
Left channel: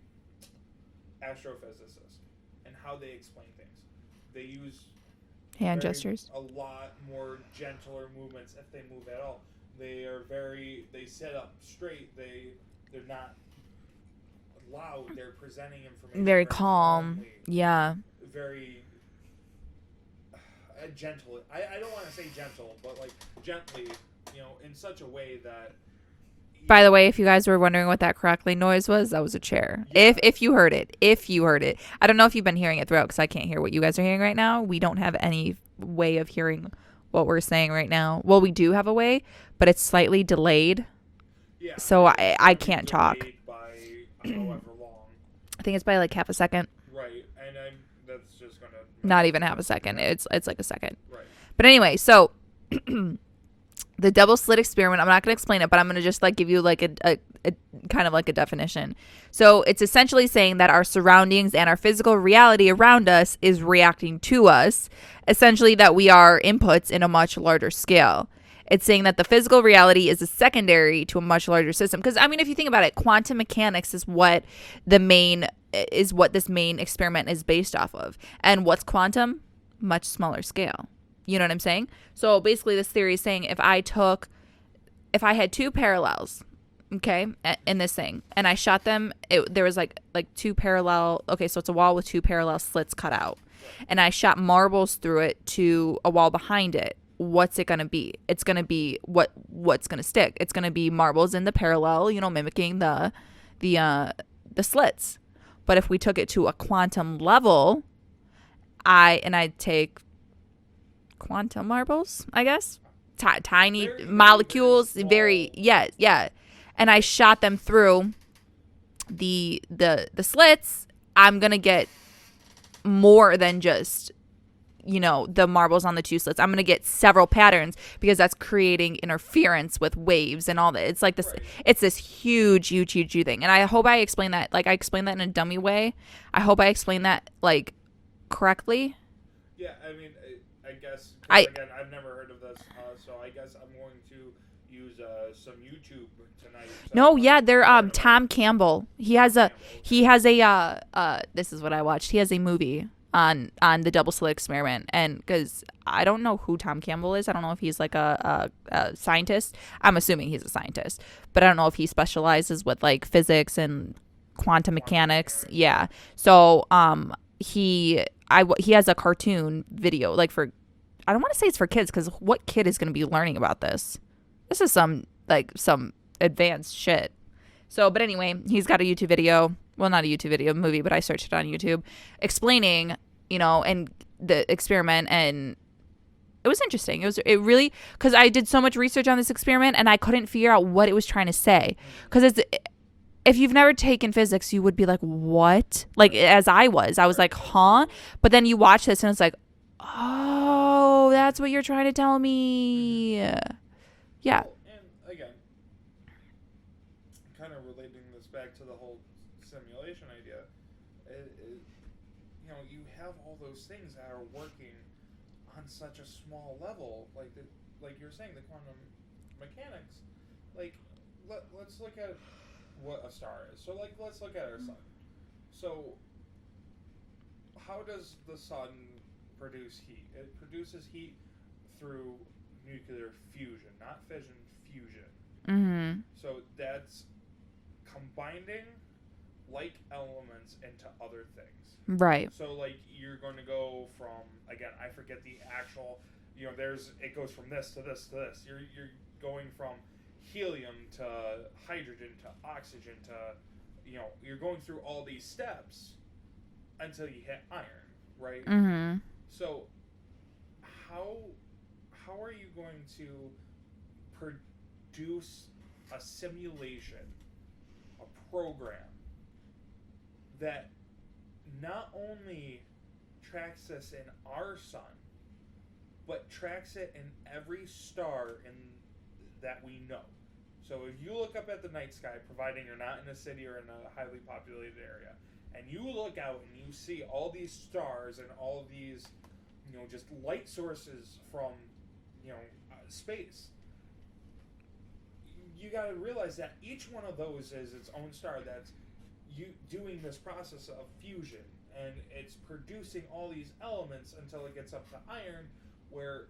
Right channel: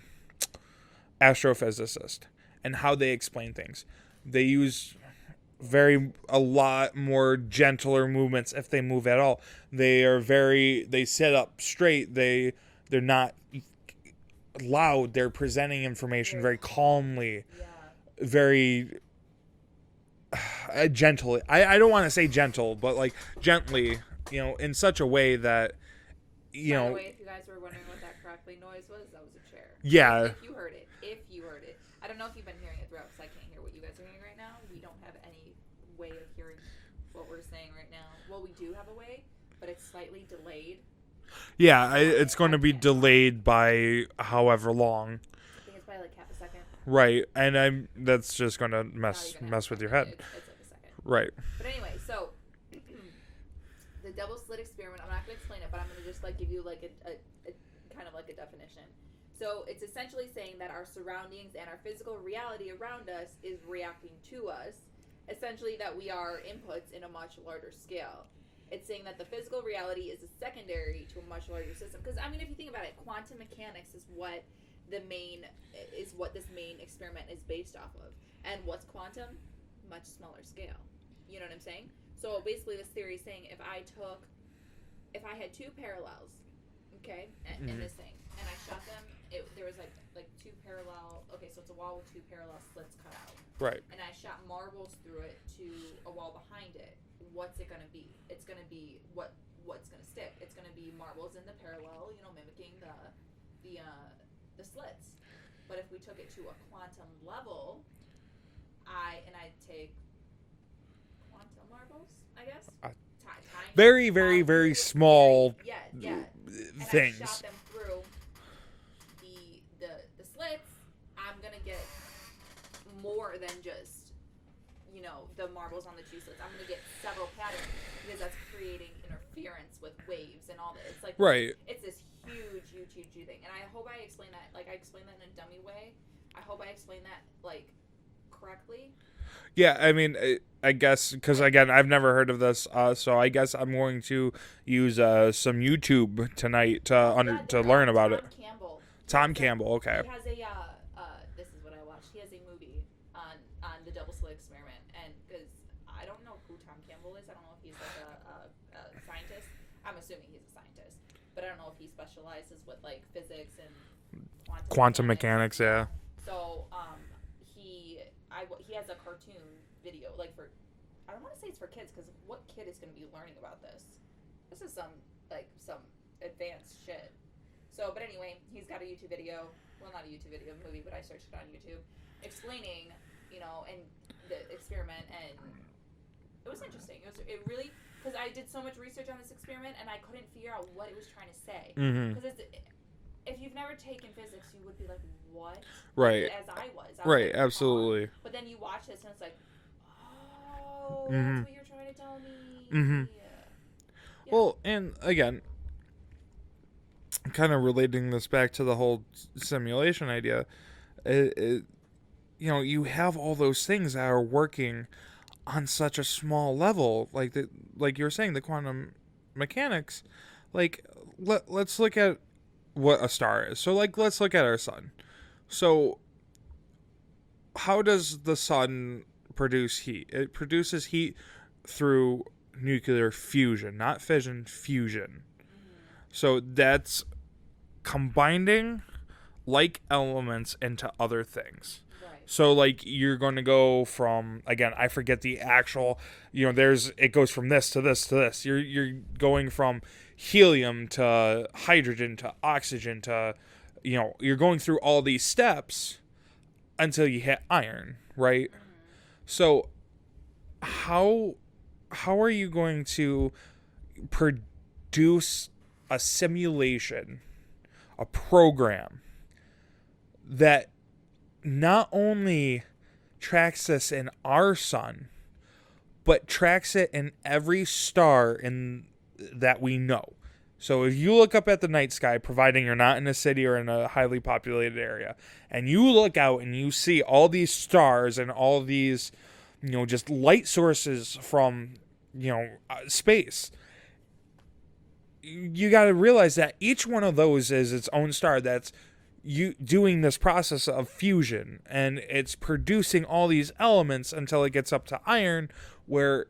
astrophysicist and how they explain things, they use a lot more gentler movements if they move at all. They sit up straight. They're not loud. They're presenting information very calmly. Yeah. Very gentle. I don't want to say gentle, but like gently, you know, in such a way that. By the way, if you guys were wondering what that crackling noise was, that was a chair. Yeah. If you heard it. I don't know if you've been hearing it throughout because I can't hear what you guys are hearing right now. We don't have any way of hearing what we're saying right now. Well, we do have a way, but it's slightly delayed. Yeah, so it's going to be can't delayed talk. By however long. I think it's by like half a second. Right, and that's just going to mess. Not even half a second. It's like a second. Right. But anyway, so the double slit experiment. I'm not going to explain it, but I'm going to just like give you like a kind of like a definition. So it's essentially saying that our surroundings and our physical reality around us is reacting to us. Essentially, that we are inputs in a much larger scale. It's saying that the physical reality is a secondary to a much larger system. Because, I mean, if you think about it, quantum mechanics is what this main experiment is based off of. And what's quantum? Much smaller scale. You know what I'm saying? So basically this theory is saying if I had two parallels, okay, in this thing, and I shot them, there was like two parallel, okay, so it's a wall with two parallel slits cut out. Right. And I shot marbles through it to a wall behind it. What's it going to be? It's going to be what's going to stick. It's going to be marbles in the parallel, you know, mimicking the slits. But if we took it to a quantum level, I'd take quantum marbles, I guess. Tiny very, molecules, very small yeah. And things. I shot them through the slits. I'm going to get more than just, you know, the marbles on the two slits. I'm going to get several patterns because that's creating interference with waves and all that. It's like this, right. It's this huge thing. And I hope I explained that, like I explained that in a dummy way. I hope I explained that like correctly. Yeah. I mean, I guess, because again, I've never heard of this. So I guess I'm going to use some YouTube tonight to learn about Tom it. Campbell. He has a this is what I watched. He has a movie on the double slit experiment, and because I don't know who Tom Campbell is. I don't know if he's like a scientist. I'm assuming he's a scientist, but I don't know if he specializes with like physics and quantum mechanics. Yeah. So he has a cartoon video like for, I don't want to say it's for kids because what kid is going to be learning about this? This is some advanced shit. So, but anyway, he's got a YouTube video. Well, not a YouTube video, movie, but I searched it on YouTube, explaining, you know, and the experiment, and it was interesting. It really, because I did so much research on this experiment, and I couldn't figure out what it was trying to say. Because if you've never taken physics, you would be like, what? Like, as I was like, absolutely. huh? But then you watch this, and it's like, oh, that's what you're trying to tell me. Yeah. Well, and again, kind of relating this back to the whole simulation idea, you know, you have all those things that are working on such a small level, like you were saying, the quantum mechanics. Like, let's look at what a star is. So, like, let's look at our sun. So, how does the sun produce heat? It produces heat through nuclear fusion, not fission, fusion. So that's combining like elements into other things. Right. So like you're going to go from, again, I forget the actual, it goes from this to this to this. You're going from helium to hydrogen to oxygen to, you're going through all these steps until you hit iron, right? Mm-hmm. So how are you going to produce a simulation, a program that not only tracks this in our sun, but tracks it in every star that we know? So if you look up at the night sky, providing you're not in a city or in a highly populated area, and you look out and you see all these stars and all these, just light sources from, space, you got to realize that each one of those is its own star that's you doing this process of fusion, and it's producing all these elements until it gets up to iron, where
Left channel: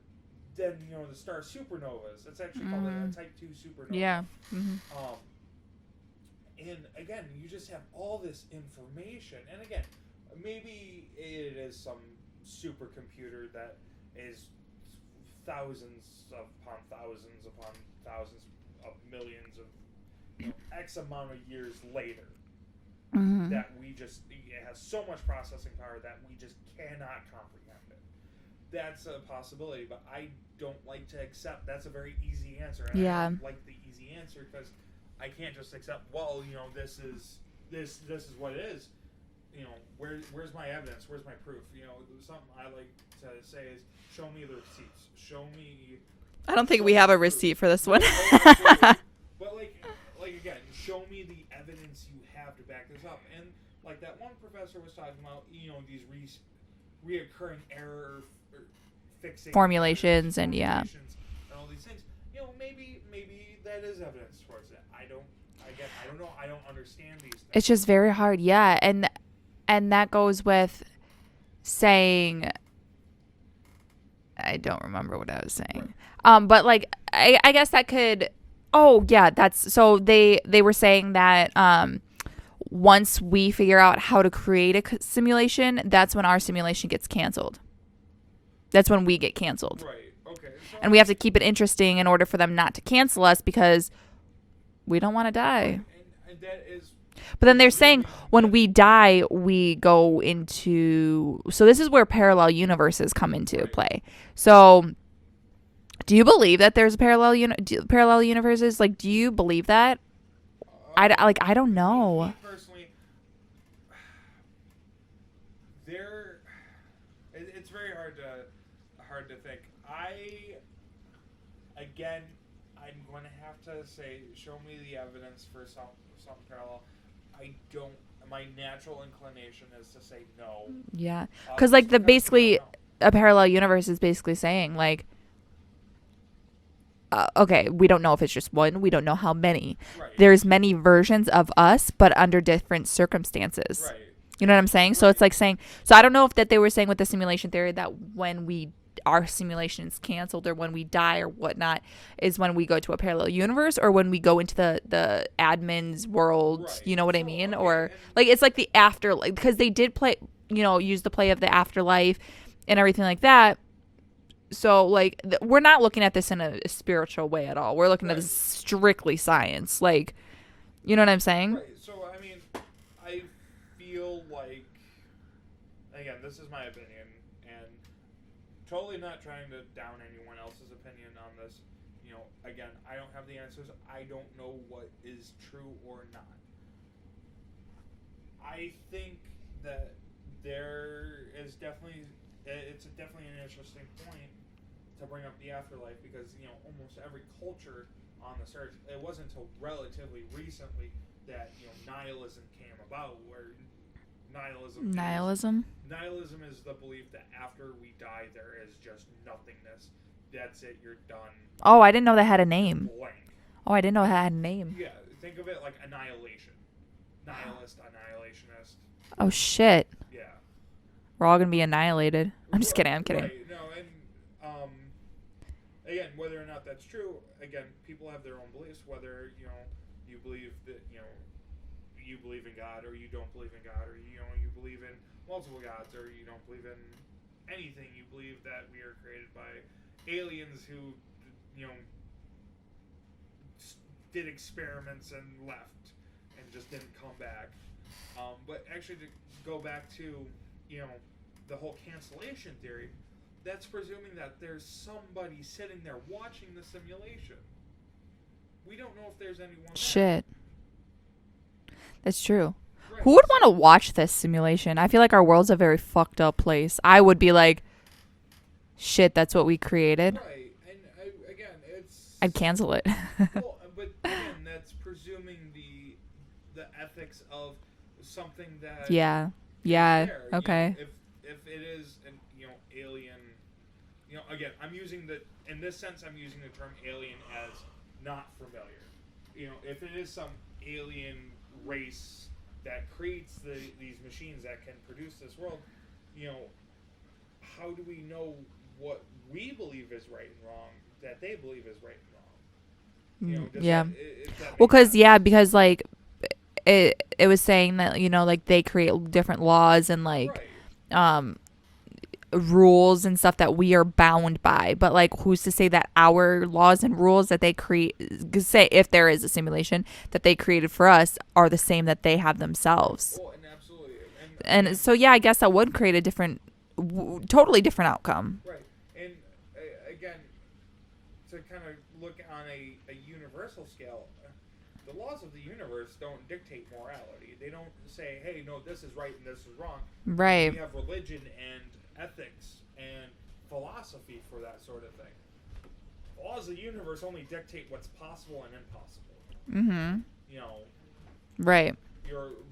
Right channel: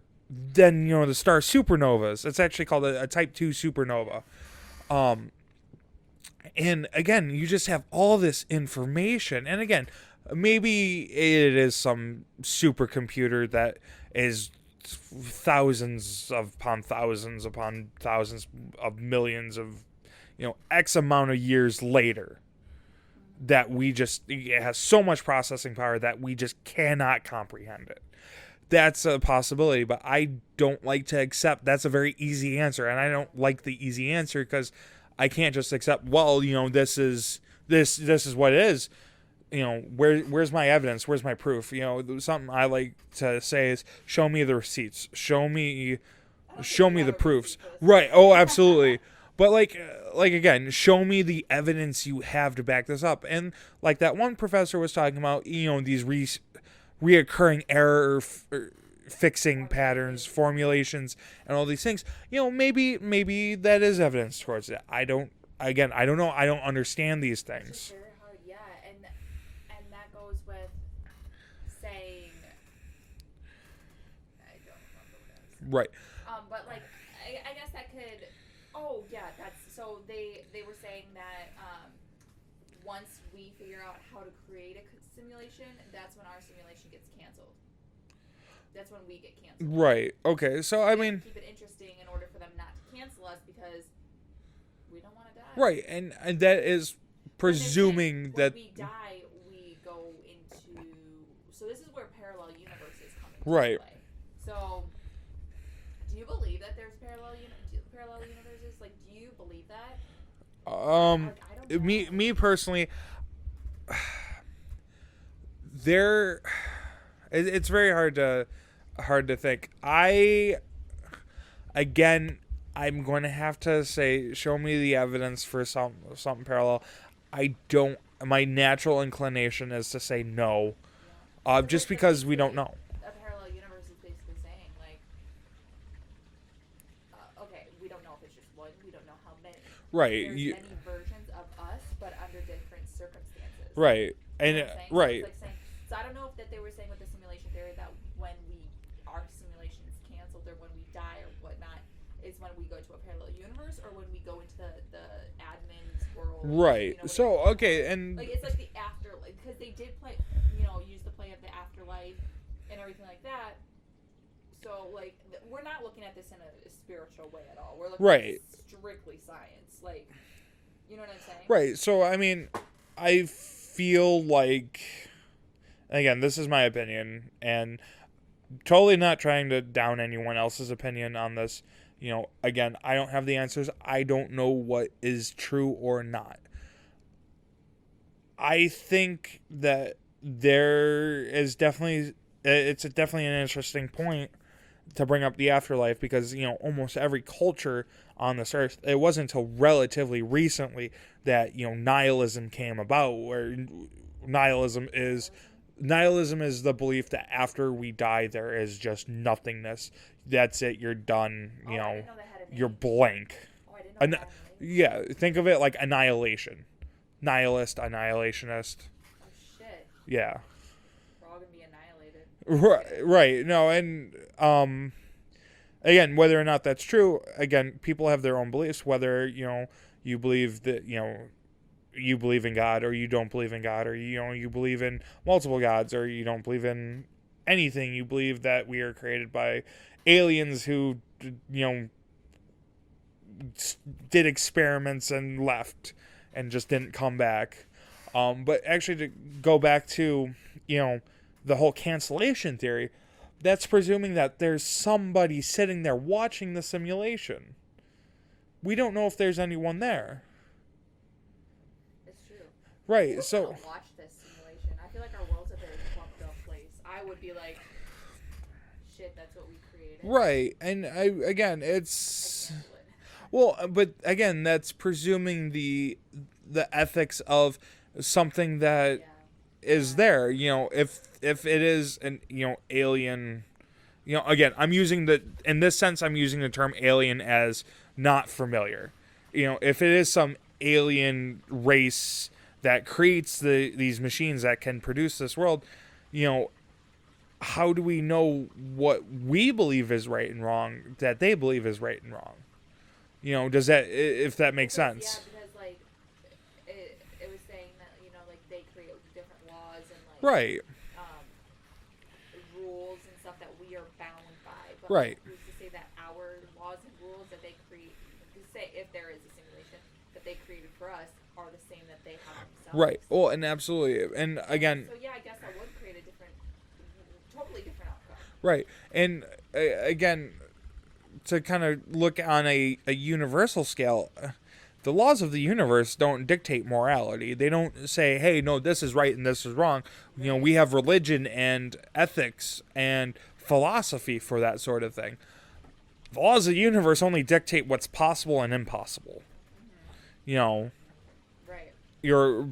then the star supernovas. It's actually called a type 2 supernova. Yeah. Mm-hmm. And again, you just have all this information, and again, maybe it is some supercomputer that is thousands upon thousands of millions of X amount of years later. Mm-hmm. That it has so much processing power that we just cannot comprehend it. That's a possibility, but I don't like to accept that's a very easy answer, and I don't like the easy answer because I can't just accept, well, this is what it is. Where's my evidence? Where's my proof? Something I like to say is, show me the receipts. Show me. I don't think we have a receipt for this right. one. Oh, absolutely. But like again, show me the evidence you have to back this up. And like that one professor was talking about, these reoccurring error fixing formulations and all these things. Maybe that is evidence towards it. I don't know. I don't understand these things. It's just very hard. Yeah. And that goes with saying, I don't remember what I was saying. Right. But like, I guess that could, so they were saying that, once we figure out how to create a simulation, that's when our simulation gets canceled. That's when we get canceled. Right. Okay. So we have to keep it interesting in order for them not to cancel us, because we don't want to die. Right. And that is. But then they're saying when we die, we go into. So this is where parallel universes come into play. So, do you believe that there's parallel universes? Like, do you believe that? I don't know. Me personally, it's very hard to think. I'm going to have to say, show me the evidence for something parallel. My natural inclination is to say no. Yeah, because basically a parallel universe is basically saying like, okay, we don't know if it's just one. We don't know how many. Right. There's many versions of us, but under different circumstances. Right. You know what I'm saying? Right. So it's like saying. So I don't know if that they were saying with the simulation theory that when our simulation is canceled or when we die or whatnot is when we go to a parallel universe or when we go into the admin's world. Right. You know what I mean? Okay, or like it's like the afterlife, because they did play. Use the play of the afterlife and everything like that. So, like, we're not looking at this in a spiritual way at all. We're looking at it strictly science. Like, you know what I'm saying? Right. So, I mean, I feel like, again, this is my opinion, and totally not trying to down anyone else's opinion on this. Again, I don't have the answers. I don't know what is true or not. I think that there is definitely... It's definitely an interesting point to bring up the afterlife, because almost every culture on this earth, it wasn't until relatively recently that nihilism came about, where nihilism is the belief that after we die there is just nothingness. That's it, you're done. I didn't know that had a name. You're blank. I didn't know that had a name. Yeah, think of it like annihilation. Nihilist, annihilationist. Oh shit. Yeah. We're all going to be annihilated. I'm just kidding. Right. No, and again, whether or not that's true, again, people have their own beliefs. Whether, you believe that, you believe in God or you don't believe in God, or you believe in multiple gods, or you don't believe in anything. You believe that we are created by aliens who did experiments and left and just didn't come back. But actually, to go back to the whole cancellation theory, that's presuming that there's somebody sitting there watching the simulation. We don't know if there's anyone there. Shit. That's true. Right. Who would want to watch this simulation? I feel like our world's a very fucked up place. I would be like, shit, that's what we created. Right. And I'd cancel it. Well, but again, that's presuming the ethics of something that is there. Okay. If it is an alien, again, I'm using in this sense I'm using the term alien as not familiar. If it is some alien race that creates these machines that can produce this world, how do we know what we believe is right and wrong that they believe is right and wrong? Does that, if that makes sense? Because like it was saying that like they create different laws and like right. Rules and stuff that we are bound by, but like who's to say that our laws and rules that they create, say if there is a simulation that they created for us, are the same that they have themselves? Right. Well, and absolutely, and again, so I guess that would create a totally different outcome. Right. And again, to kind of look on a universal scale, the laws of the universe don't dictate morality. They don't say, hey, no, this is right and this is wrong. Right. We have religion and ethics and philosophy for that sort of thing. The laws of the universe only dictate what's possible and impossible. Mm-hmm. Right. You're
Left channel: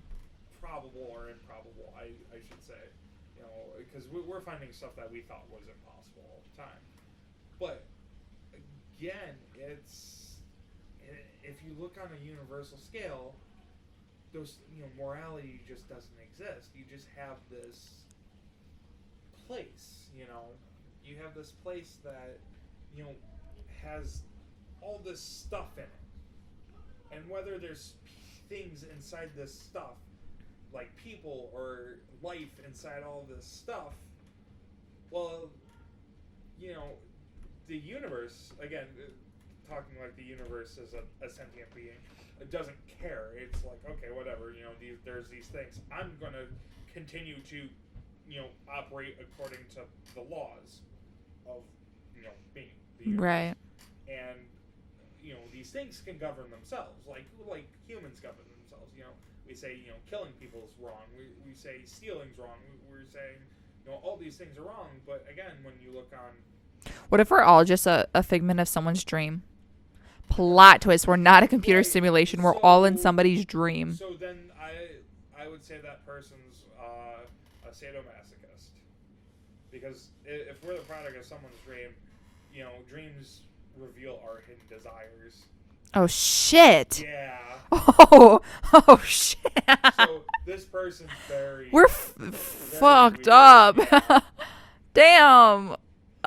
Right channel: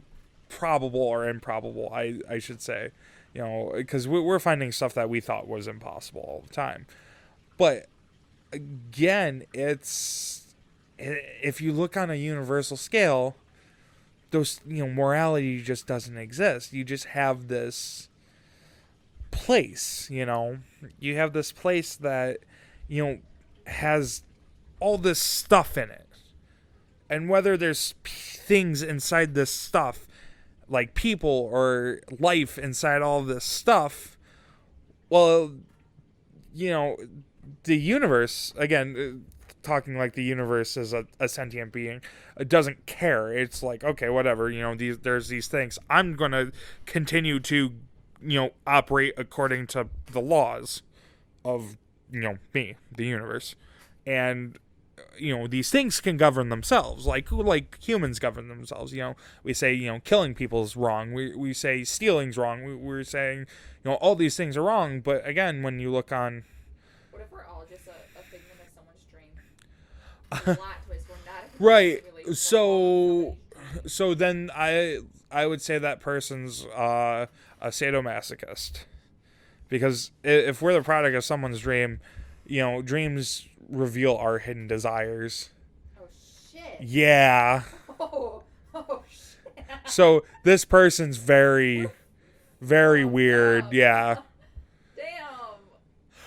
probable or improbable, I should say. Because we're finding stuff that we thought was impossible all the time. But again, if you look on a universal scale, those morality just doesn't exist. You just have this place. You have this place that has all this stuff in it, and whether there's things inside this stuff, like people or life inside all this stuff, well, the universe, again, talking like the universe is a sentient being, it doesn't care. It's like, okay, whatever, there's these things. I'm going to continue to, operate according to the laws of, me, the universe. Right. And these things can govern themselves, like humans govern themselves. We say killing people is wrong. We say stealing's wrong. We're saying all these things are wrong. But again, when you look on, what if we're all just a figment of someone's dream? Plot twist: we're not a computer simulation. We're all in somebody's dream. So then I would say that person's a sadomasochist, because if we're the product of someone's dream, dreams reveal our hidden desires. Oh shit! Yeah. Oh shit! So this person's very very weird. Up. Yeah. Damn.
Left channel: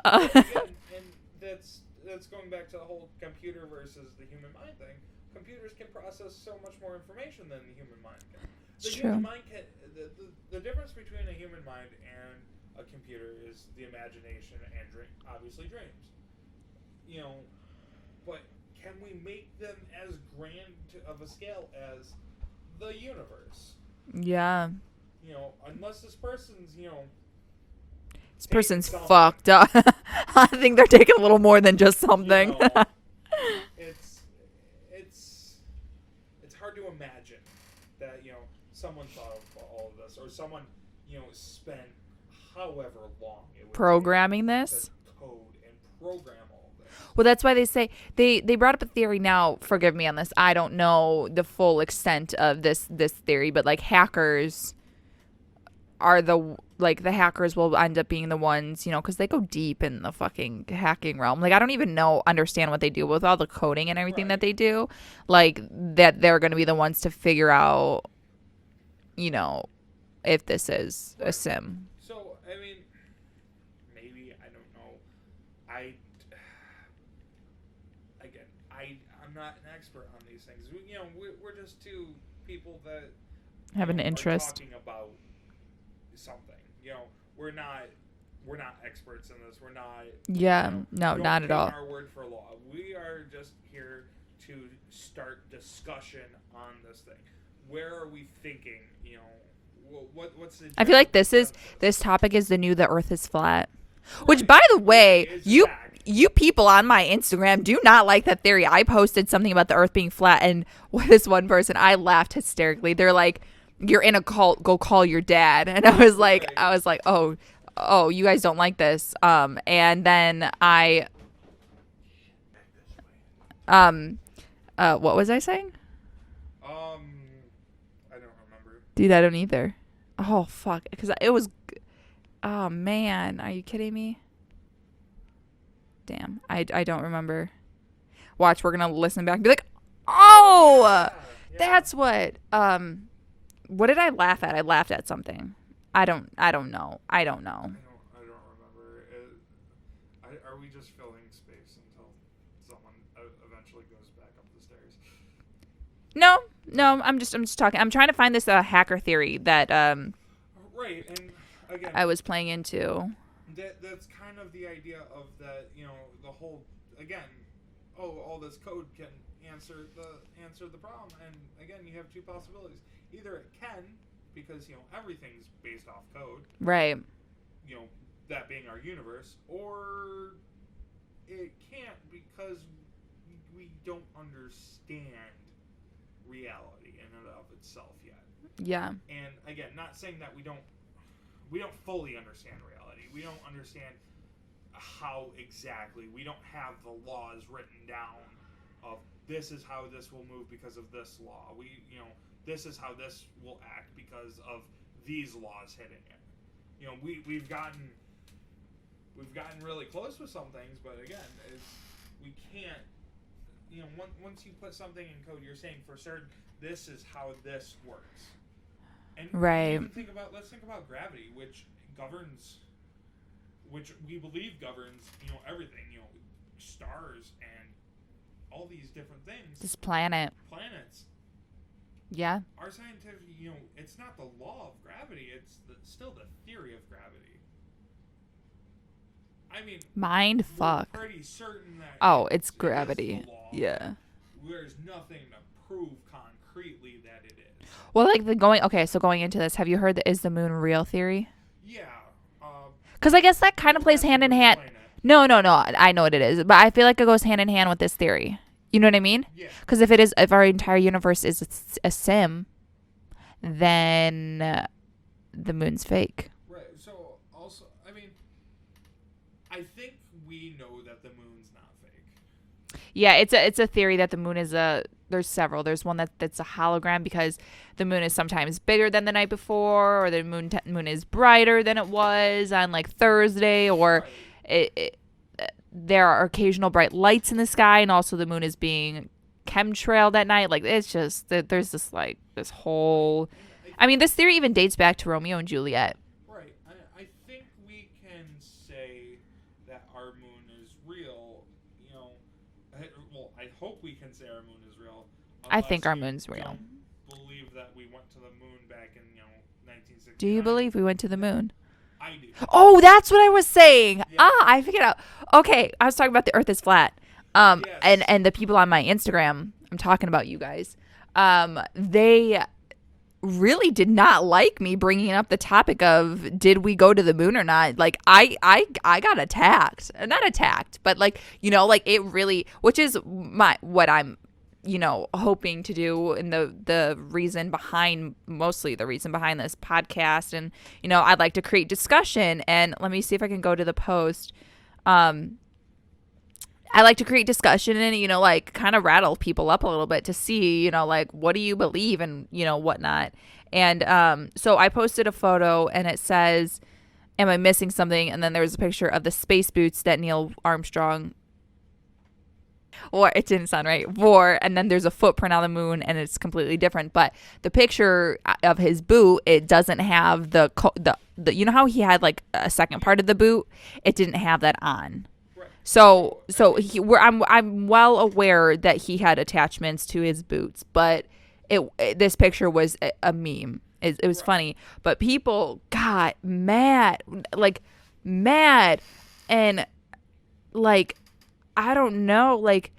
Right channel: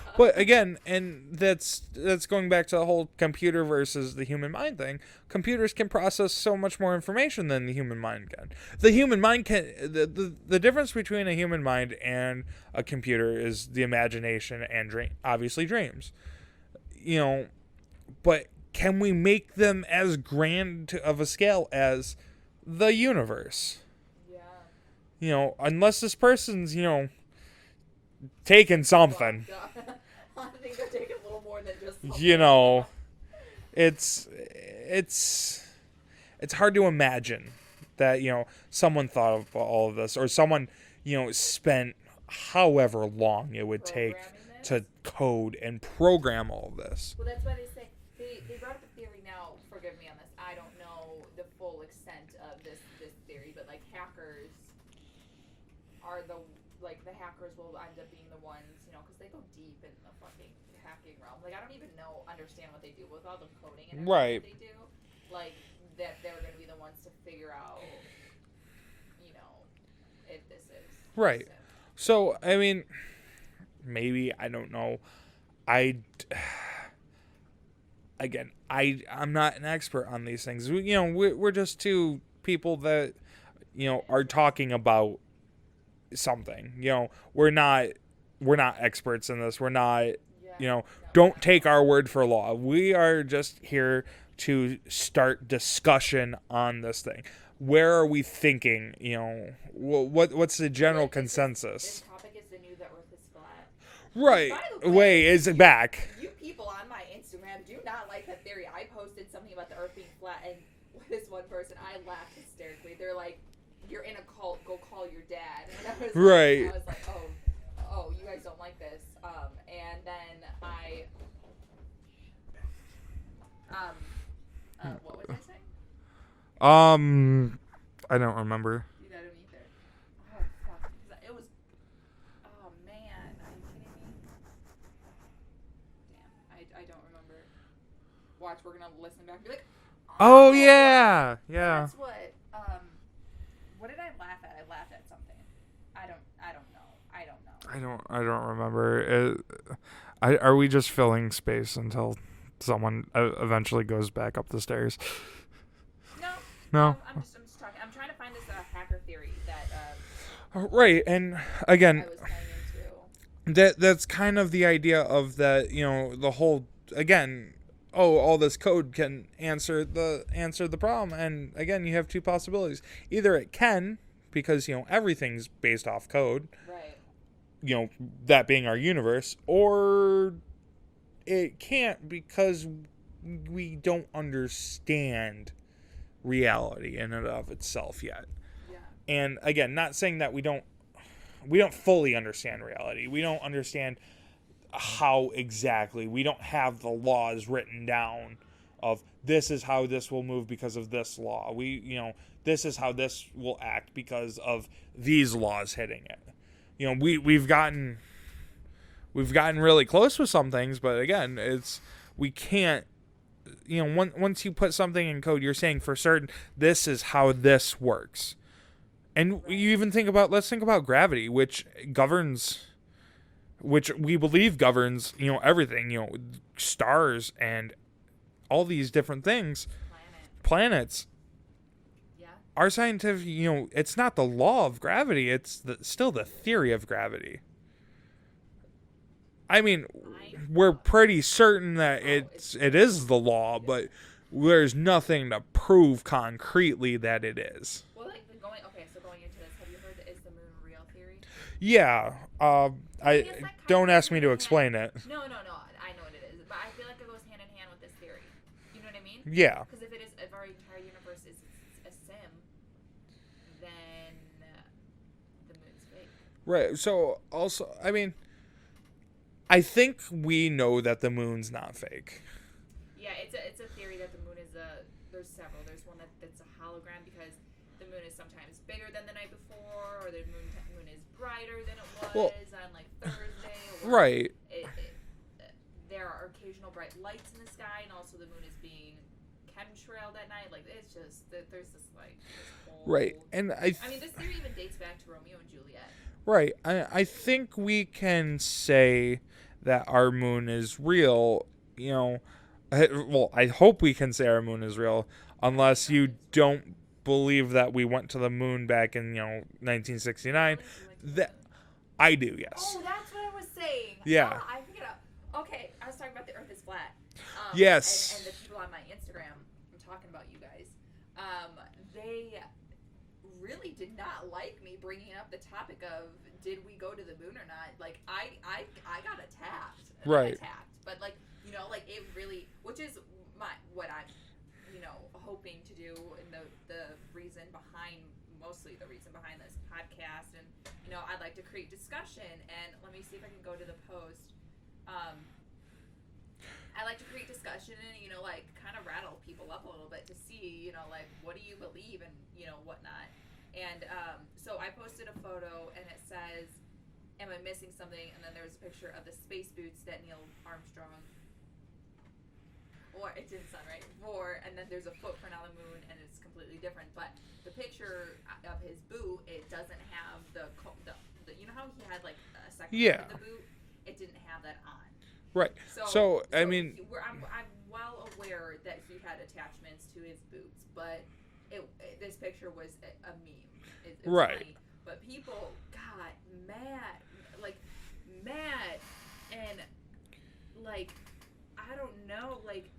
But again, and that's going back to the whole computer versus the human mind thing. Computers can process so much more information than the human mind can. The human mind can. The difference between a human mind and a computer is the imagination and obviously dreams. But can we make them as grand of a scale as the universe? Yeah. Unless this person's, taking something. Fucked up. I think they're taking a little more than just something. It's hard to imagine that, someone thought of all of this, or someone, spent however long it would programming take this to code and program all of this. Well, that's why they say they brought up a theory. Now, forgive me on this. I don't know the full extent of this theory, but like hackers are the hackers will end up being the ones, because they go deep in the fucking hacking realm. Like, I don't even understand what they do with all the coding and everything that they do. Like, that they're going to be the ones to figure out, if this is a sim. So, I mean, maybe, I don't know. I'm not an expert on these things. We're just two people that Have an are interest. talking about something. We're not experts in this. We're not. No, don't not take at all. our word for law. We are just here to start discussion on this thing. Where are we thinking? What's the general I feel like consensus? this topic is the new the Earth is flat. Right. Which, by the way, is it back? You people on my Instagram do not like that theory. I posted something about the Earth being flat, and this one person, I laughed hysterically. They're like, "You're in a cult. Go call your dad." And I was like, Right. "Oh, you guys don't like this." And then what was I saying? I don't remember. Dude, I don't either. Oh fuck, because it was. Oh man, are you kidding me? Damn, I don't remember. Watch, we're gonna listen back and be like, Oh yeah. that's what. What did I laugh at? I laughed at something. I don't know. I don't remember. Are we just filling space until someone eventually goes back up the stairs? No. I'm just talking. I'm trying to find this hacker theory that Right, and again, I was playing into. That's kind of the idea of that. The whole again. Oh, all this code can answer the problem, and again, you have two possibilities. Either it can, because everything's based off code, Right. That being our universe, or it can't because we don't understand reality in and of itself yet. Yeah. And again, not saying that we don't fully understand reality. We don't understand how exactly. We don't have the laws written down of this is how this will move because of this law. This is how this will act because of these laws hitting it. We've gotten really close with some things, but again, we can't. Once you put something in code, you're saying for certain this is how this works. And Right. you even let's think about gravity, which we believe governs, everything, stars and all these different things. This planets. Yeah. Our scientific, it's not the law of gravity. It's still the theory of gravity. I mean, we're pretty certain that it is the law, but there's nothing to prove concretely that it is. Well, going into this, have you heard the is the moon real theory? Yeah. Because I guess that kind of plays hand in hand. Explain it. No. I know what it is, but I feel like it goes hand in hand with this theory. You know what I mean? Yeah. Because if our entire universe is a sim, then the moon's fake. Right. So also, I mean, I think we know that the moon's not fake. Yeah, it's a theory that the moon is there's several. There's one that's a hologram because the moon is sometimes bigger than the night before, or the moon is brighter than it was on like Thursday, or right. There are occasional bright lights in the sky, and also the moon is being chemtrailed at night. Like it's just there's this whole. Right. And I mean, this theory even dates back to Romeo and Juliet. Right. I think we can say that our moon is real. I hope we can say our moon is real, unless you don't believe that we went to the moon back in 1969. Do you believe we went to the moon? I do. Yes. Oh, that's what I was saying. Yeah. I figured out. Okay, I was talking about the Earth is flat. Yes. And the people on my Instagram, I'm talking about you guys. They really did not like me bringing up the topic of did we go to the moon or not. Like I got attacked. Not Right. attacked, but it really, which is what I'm hoping to do, and mostly the reason behind this podcast. And I'd like to create discussion, and let me see if I can go to the post. I like to create discussion and, kind of rattle people up a little bit to see, what do you believe and, whatnot. And so I posted a photo and it says, am I missing something? And then there was a picture of the space boots that Neil Armstrong, or it didn't sound right, wore. And then there's a footprint on the moon and it's completely different. But the picture of his boot, it doesn't have the how he had like a second part of the boot? It didn't have that on. Right. So I mean, I'm well aware that he had attachments to his boots, but this picture was a meme. It was funny, but people got mad, like mad, and like I don't know, like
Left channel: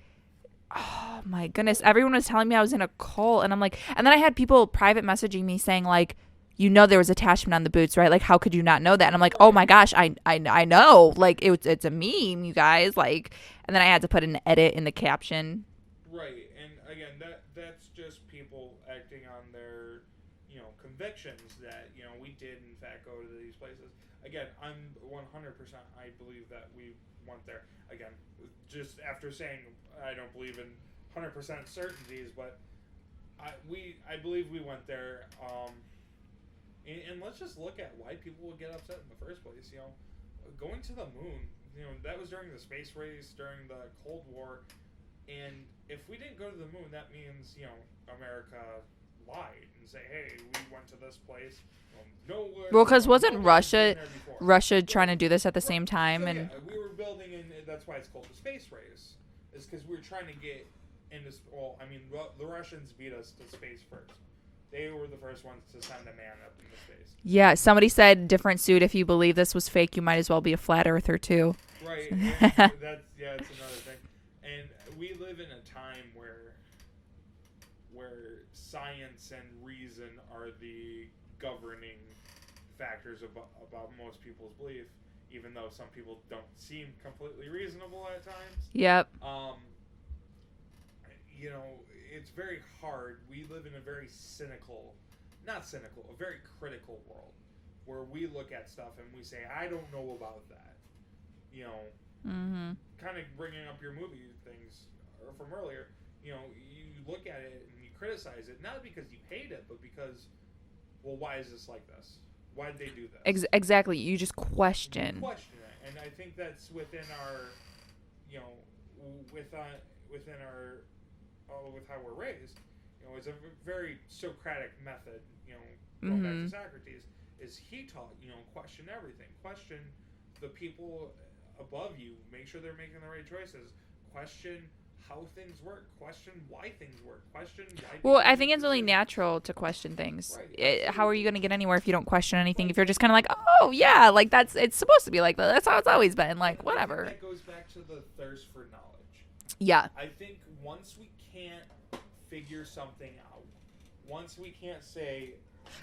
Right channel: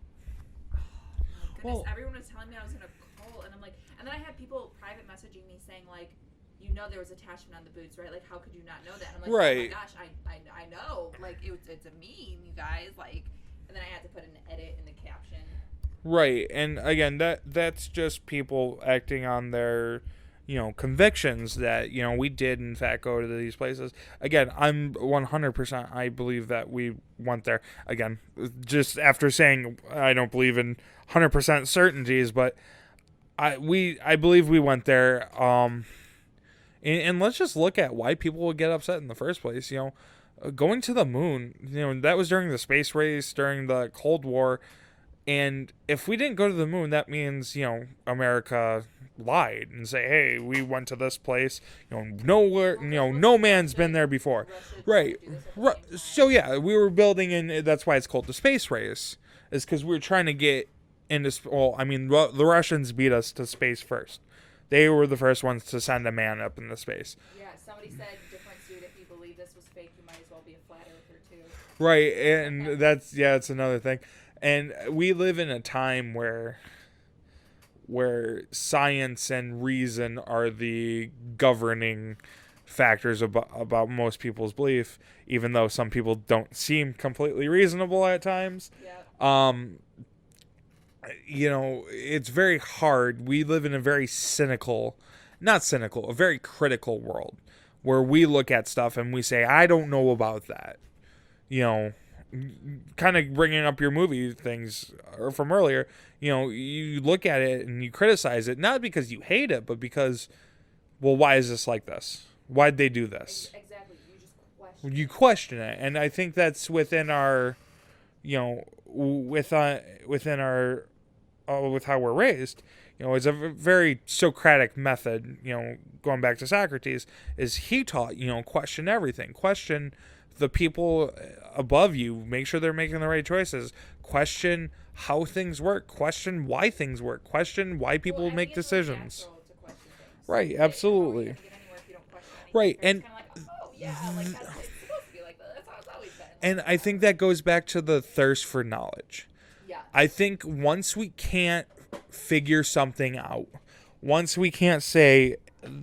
oh my goodness, everyone was telling me I was in a cult, and I'm like, and then I had people private messaging me saying like, you know, there was attachment on the boots, right? Like, how could you not know that? And I'm like, oh my gosh, I know, like it's a meme, you guys, like, and then I had to put an edit in the caption. Right, and again, that's just people acting on their, convictions that, we did in fact go to these places. Again, I'm 100%, I believe that we went there. Again, just after saying I don't believe in 100% certainties, but I believe we went there. And let's just look at why people would get upset in the first place. Going to the moon, that was during the space race, during the Cold War. And if we didn't go to the moon, that means, America lied and say, hey, we went to this place. Nowhere. Well, because no man's been there before. Russia trying to do this at the same time. So, yeah, we were building, and that's why it's called the space race, is because we were trying to get into, the Russians beat us to space first. They were the first ones to send a man up into space. Yeah, somebody said different suit. If you believe this was fake, you might as well be a flat earther too. Right, and that's another thing. And we live in a time where science and reason are the governing factors about most people's belief, even though some people don't seem completely reasonable at times. Yep. It's very hard. We live in a very a very critical world where we look at stuff and we say, I don't know about that. Kind of bringing up your movie things from earlier, you look at it and you criticize it, not because you hate it, but because, well, why is this like this? Why'd they do this? Exactly. You just question. You question it. And I think that's within our, with how we're raised. It's a very Socratic method, going back to Socrates, is he taught, question everything. Question the people above you. Make sure they're making the right choices. Question how things work. Question why things work. Question why people make decisions. Well, I think it's really natural to question things. Right, absolutely. How are you going to get anywhere if you don't question anything? Right. If you're just kind of like, oh, yeah, like it's supposed to be like that. That's how it's always been. Like, and whatever. I think that goes back to the thirst for knowledge. Yeah. I think once we can't figure something out, once we can't say,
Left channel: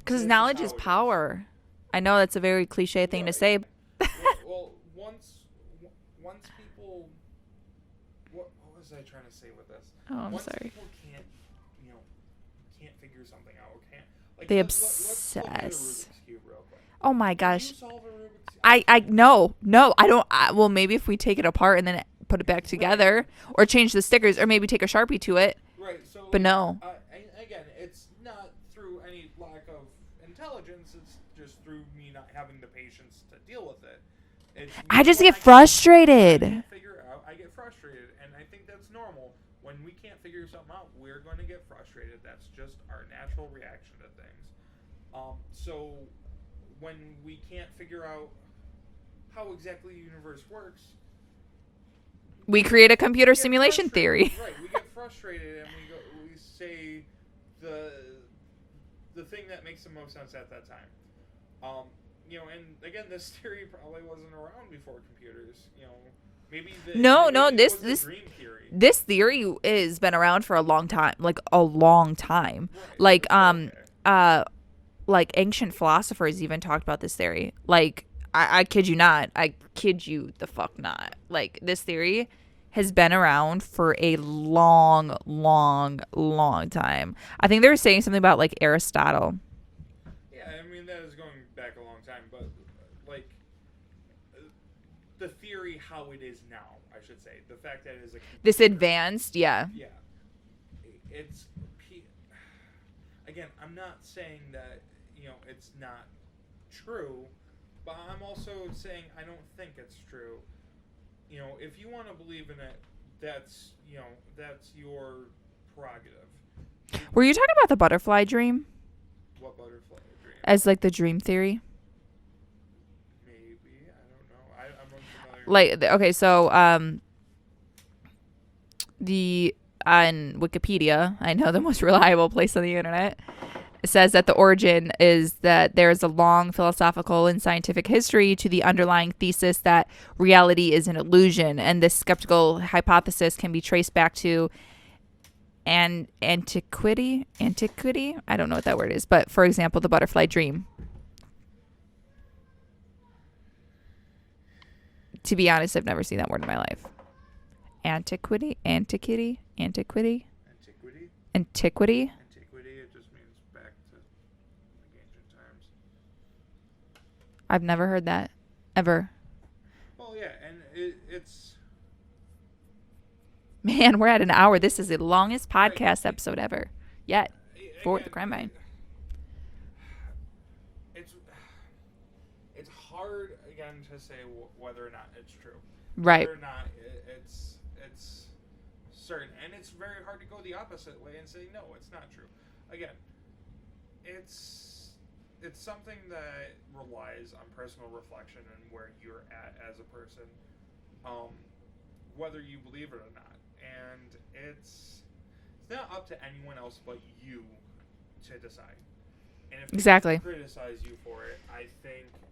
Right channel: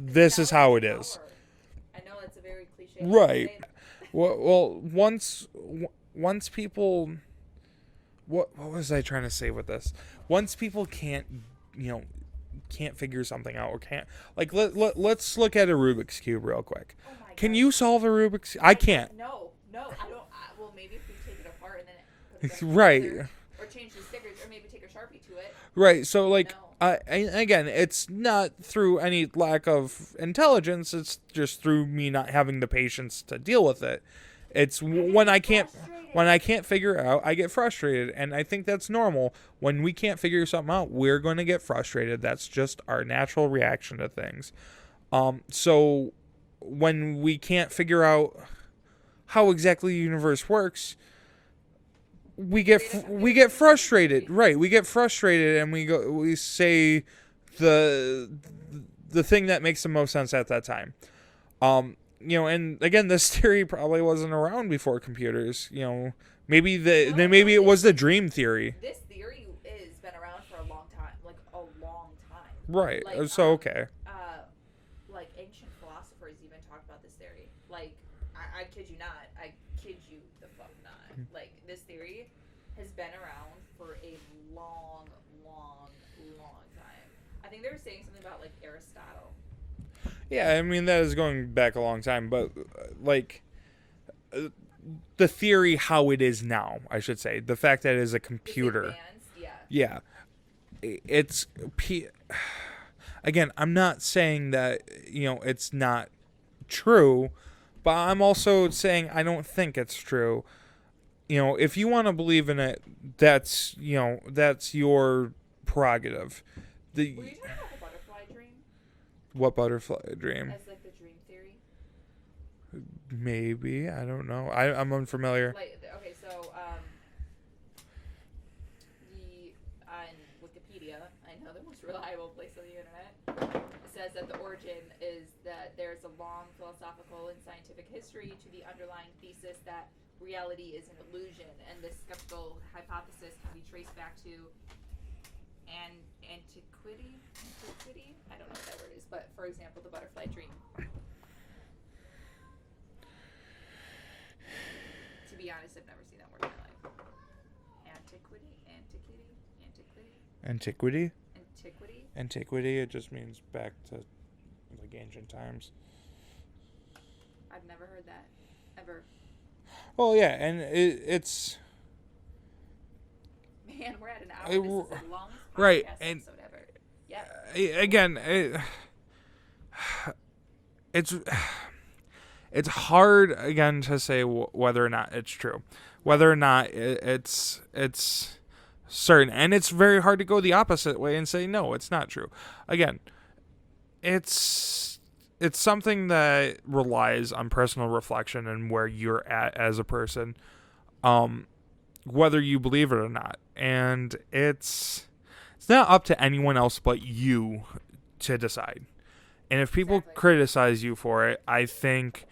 this is how it is. I know that's a very cliche thing to say. well, once people, what was I trying to say with this? Once people can't figure something out, or can't, like, let's look at a Rubik's Cube real quick. Oh my gosh. Can you solve a Rubik's Cube? I can't. No, I don't. Well, maybe if we take it apart and then put it back together, or change the stickers, or maybe take a Sharpie to it. Right. So, like, no. Again, it's not through any lack of intelligence. It's just through me not having the patience to deal with it. I just get frustrated. When I can't figure it out, I get frustrated, and I think that's normal. When we can't figure something out, we're going to get frustrated. That's just our natural reaction to things. So when we can't figure out how exactly the universe works, we create a computer simulation theory. Right. We get frustrated and we say the thing that makes the most sense at that time. And again, this theory probably wasn't around before computers. Maybe it was the dream theory. This theory has been around for a long time, like a long time. Right. Like okay. Like ancient philosophers even talked about this theory. Like I kid you not. I kid you the fuck not. Like, this theory has been around for a long, long, long time. I think they were saying something about, like, Aristotle. Yeah, I mean, that is going back a long time. But, like, the theory how it is now, I should say. The fact that it is a computer. This advanced, yeah. Yeah. It's... Again, I'm not saying that, it's not true. But I'm also saying I don't think it's true. If you want to believe in it, that's your prerogative. Were you talking about the butterfly dream? What butterfly dream? As, like, the dream theory? Maybe. I don't know. I'm unfamiliar. Like, okay, so the on Wikipedia, I know the most reliable place on the internet, it says that the origin is that there is a long philosophical and scientific history to the underlying thesis that reality is an illusion, and this skeptical hypothesis can be traced back to antiquity. I don't know what that word is, but for example, the butterfly dream. To be honest, I've never seen that word in my life. Antiquity. Antiquity, it just means back to like ancient times. I've never heard that ever. Well, yeah, and it's man, we're at an hour. This is the longest podcast episode ever. Yeah. Again, it's hard again to say whether or not it's true, whether or not it's certain, and it's very hard to go the opposite way and say no, it's not true. Again, it's something that relies on personal reflection and where you're at as a person, whether you believe it or not, and it's not up to anyone else but you to decide. And if people criticize you for it, I think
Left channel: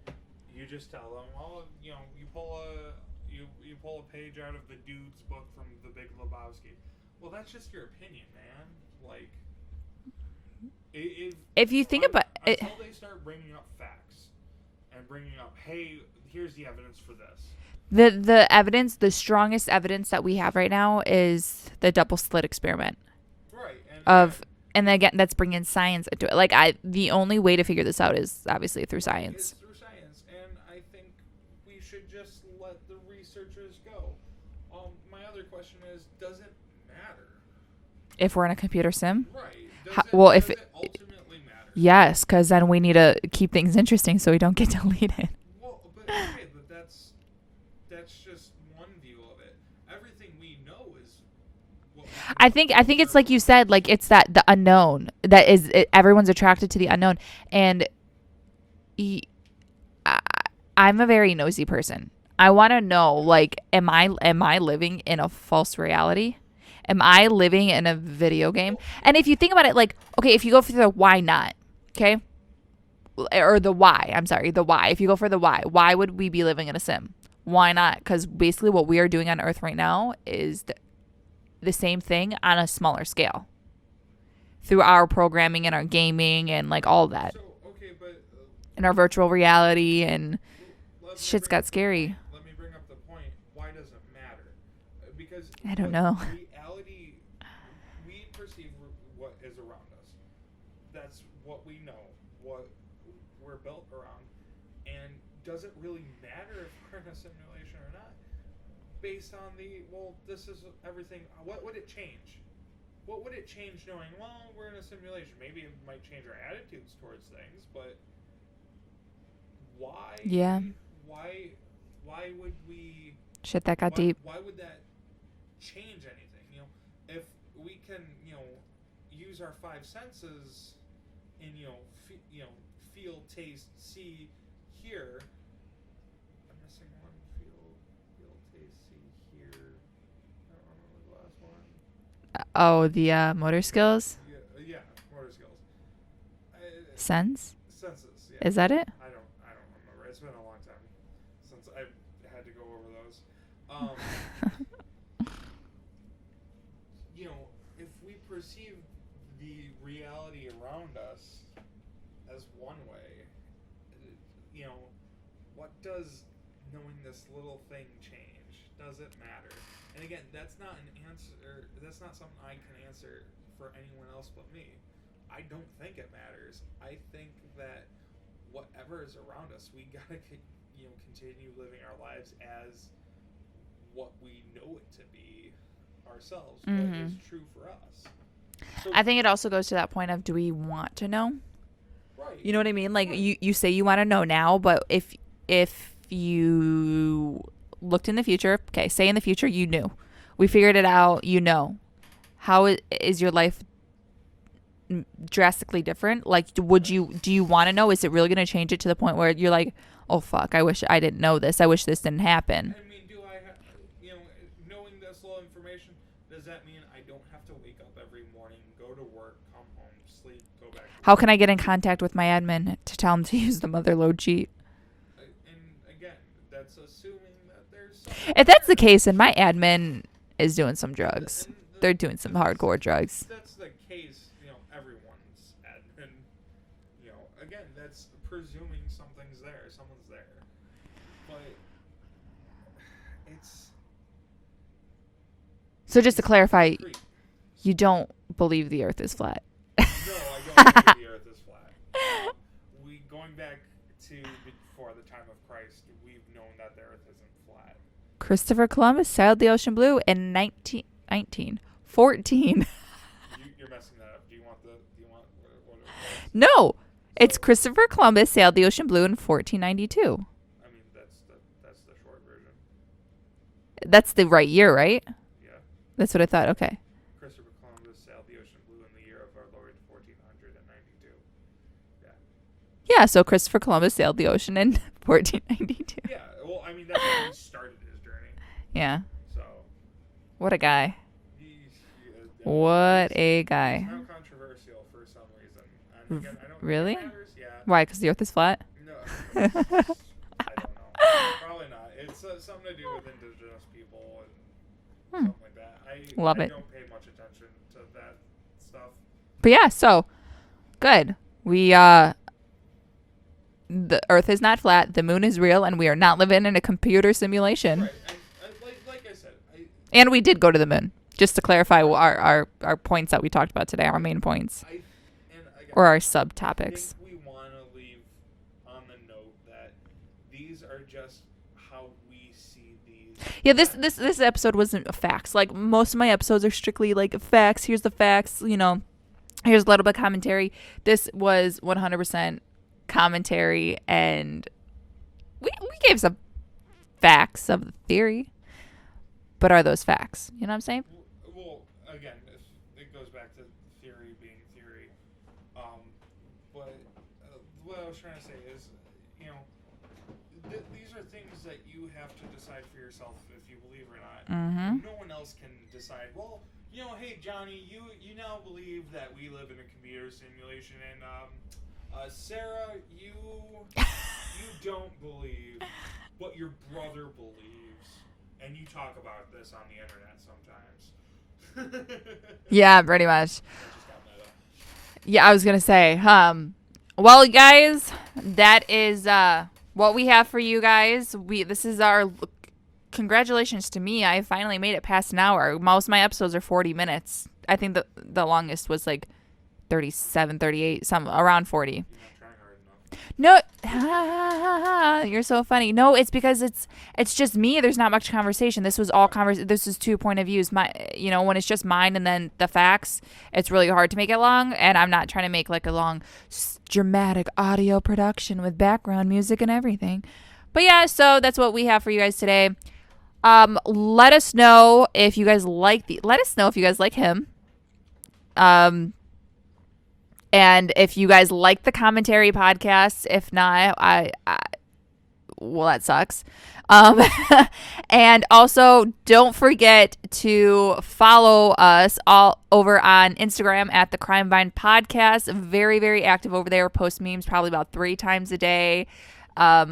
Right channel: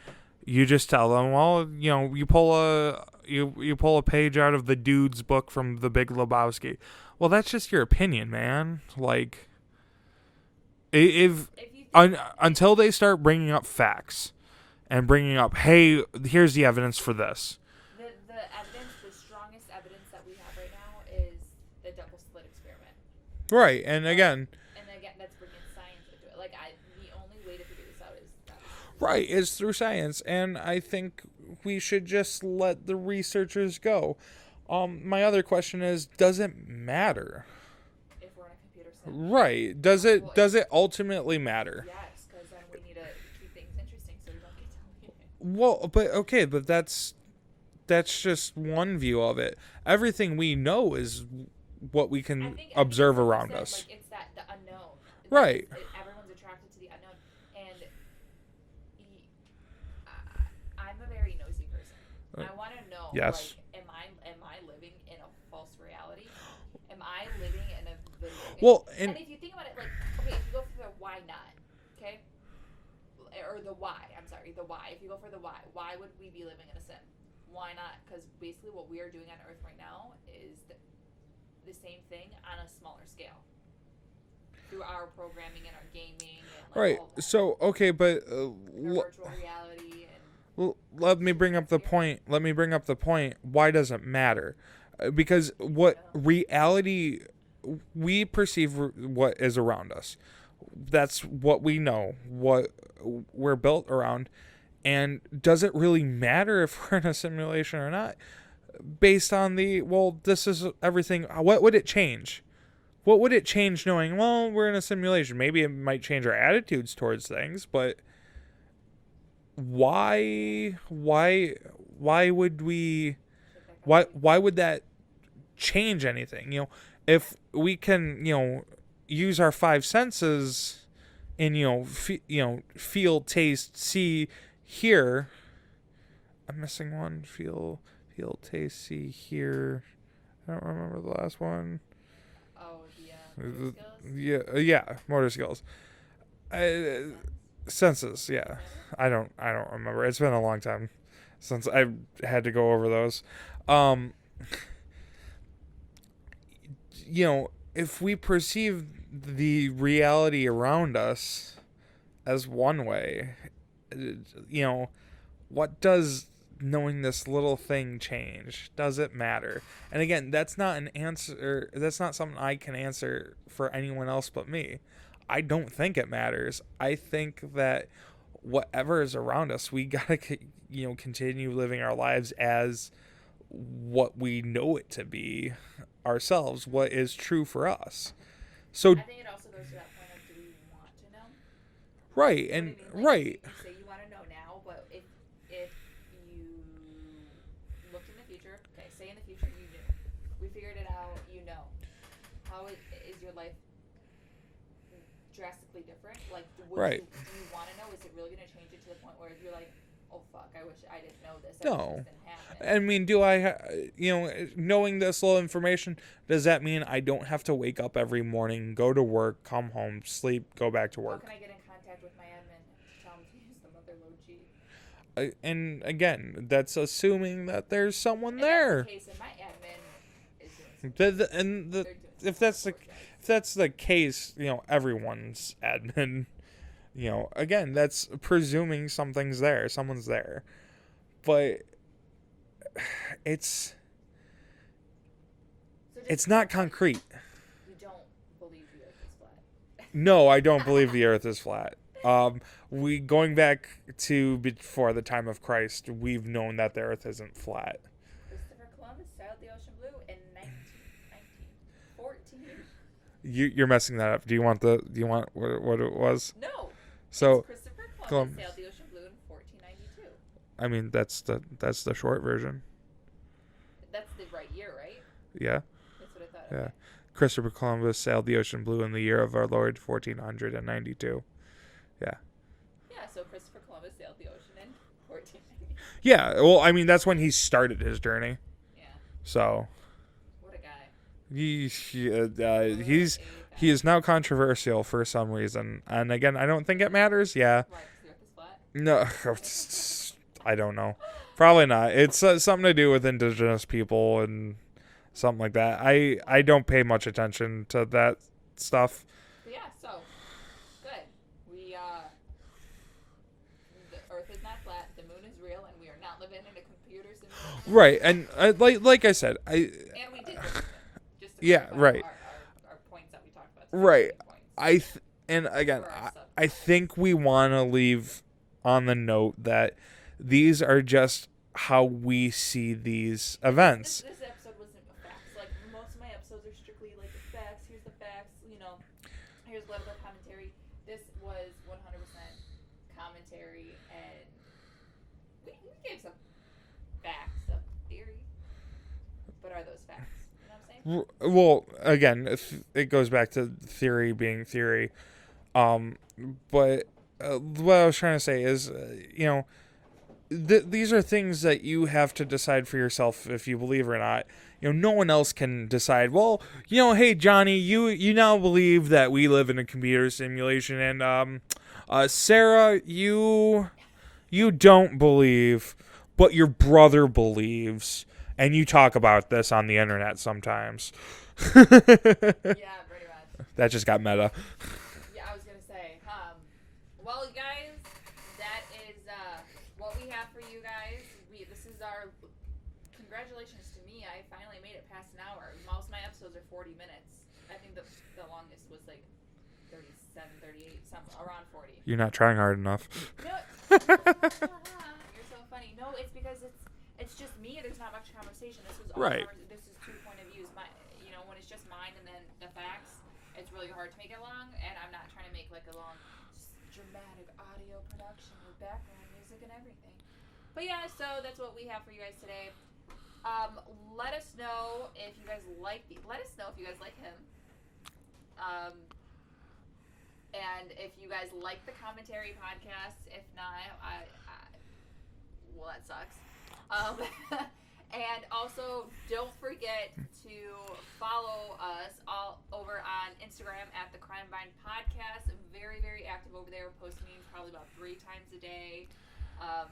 you just tell them, well, you pull a page out of the dude's book from The Big Lebowski. Well, that's just your opinion, man. Like, if you think until they start bringing up facts and bringing up, hey, here's the evidence for this. The evidence, the strongest evidence that we have right now is the double slit experiment. Right, and again, that's bringing science into it. Like, the only way to figure this out is obviously through science. Right, it's through science, and I think we should just let the researchers go. My other question is, does it matter if we're in a computer sim? Right. Does it ultimately matter? Yes, because then we need to keep things interesting so we don't get deleted. Well, but that's just one view of it. Everything we know is what we can. I think it's like you said, like it's the unknown that right. is everyone's attracted to the unknown, and I'm a very nosy person. I want to know, yes. Like, am I living in a false reality? Am I living in a video game? Well, and if you think about it, like, okay, if you go for the why not, okay, or the why, I'm sorry, the why. If you go for the why would we be living in a sim? Why not? Because basically what we are doing on Earth right now is the same thing on a smaller scale through our programming and our gaming and like all that. So, okay, but in our virtual reality and let me bring up the point. Let me bring up the point. Why does it matter? Because reality, we perceive what is around us. That's what we know, what we're built around. And does it really matter if we're in a simulation or not? Based on this is everything. What would it change? What would it change knowing, well, we're in a simulation? Maybe it might change our attitudes towards things, but why? Yeah. Why would we? Shit, that got deep. Why would that change anything? If we can, use our five senses and feel, taste, see, hear. I'm missing one. Feel, taste, see, hear. I don't remember the last one. Oh, the motor skills? Yeah, motor skills. Senses, yeah. Is that it? I don't remember. It's been a long time since I've had to go over those. If we perceive the reality around us as one way, what does knowing this little thing change? Does it matter? And again, that's not an answer. That's not something I can answer for anyone else but me. I don't think it matters. I think that whatever is around us, we gotta, continue living our lives as what we know it to be ourselves, mm-hmm. What is true for us. So I think it also goes to that point of, do we want to know? Right. You know what I mean? Like, right. you say you want to know now, but if you looked in the future, okay, say in the future you knew. We figured it out, how is your life drastically different? Like, do you want to know? Is it really going to change it to the point where you're like, oh fuck, I wish I didn't know this. I wish this didn't happen. I mean, do I, knowing this little information, does that mean I don't have to wake up every morning, go to work, come home, sleep, go back to work? How can I get in contact with my admin to tell him to use the motherload cheat? And again, that's assuming that there's someone If that's the case, then my admin is doing some drugs. They're doing some hardcore drugs. If that's the case, everyone's admin, again, that's presuming something's there. Someone's there. But it's... So just to clarify, you don't believe the earth is flat? No, I don't believe the earth is flat. Going back to before the time of Christ, we've known that the earth isn't flat. Christopher Columbus sailed the ocean blue in 1914. You're messing that up. Do you want what it was? No, it's Christopher Columbus sailed the ocean blue in 1492. I mean, that's the short version. That's the right year, right? Yeah. That's what I thought. Yeah. Okay. Christopher Columbus sailed the ocean blue in the year of our Lord 1492. Yeah. Yeah, so Christopher Columbus sailed the ocean in 1492. Yeah, well, I mean, that's when he started his journey. Yeah. So. What a guy. What a guy. He is now controversial for some reason. And again, I don't think it matters. Yeah. Why? Because the earth is flat? No. I don't know. Probably not. It's something to do with indigenous people and something like that. I don't pay much attention to that stuff. But yeah, so good. We the earth is not flat, the moon is real, and we are not living in a computer simulation. Right. And like I said, and we did go to the moon. Just to clarify right. our points that we talked about today, right. our main points. And again, or our subtopics. I think we want to leave on the note that these are just how we see these events. This episode wasn't facts. Like most of my episodes are strictly like facts. Here's the facts. Here's a little bit of commentary. This was 100% commentary, and we gave some facts of the theory. But are those facts? You know what I'm saying? Well, again, it goes back to theory being theory. But what I was trying to say is, these are things that you have to decide for yourself if you believe or not. Mm-hmm. No one else can decide. Well, hey Johnny, you now believe that we live in a computer simulation, and Sarah, you don't believe, but your brother believes. And you talk about this on the internet sometimes. Yeah, pretty much. That just got meta. Yeah, I was going to say, well, guys, that is what we have for you guys. This is our congratulations to me. I finally made it past an hour. Most of my episodes are 40 minutes. I think the longest was like 37, 38, around 40. You're not trying hard enough. No, you're so funny. No, it's because it's just me. There's not much conversation. This was all This is 2 point of views. When it's just mine and then the facts, it's really hard to make it long. And I'm not trying to make like a long, dramatic audio production with background music and everything. But yeah, so that's what we have for you guys today. Let us know if you guys like him. And if you guys like the commentary podcast, if not, well, that sucks. And also don't forget to follow us all over on Instagram at the Crime Bind Podcast. Very, very active over there. Post memes probably about 3 times a day.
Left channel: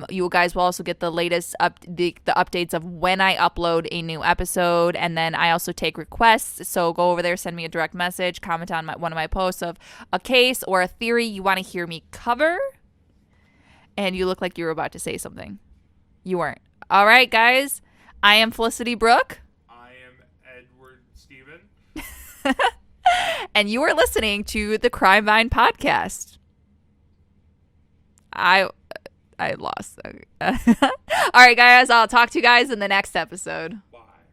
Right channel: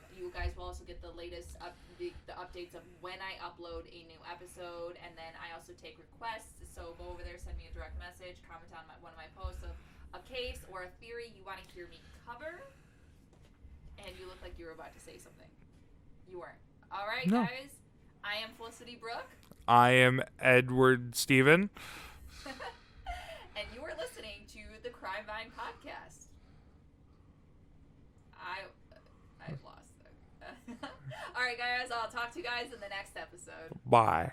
You guys will also get the latest the updates of when I upload a new episode, and then I also take requests. So go over there, send me a direct message, comment on one of my posts of a case or a theory you want to hear me cover. And you look like you were about to say something. You weren't. All right, guys. I am Felicity Brooke. I am Edward Steven. And you are listening to the Crime Vine Podcast. I lost. All right, guys. I'll talk to you guys in the next episode. Bye.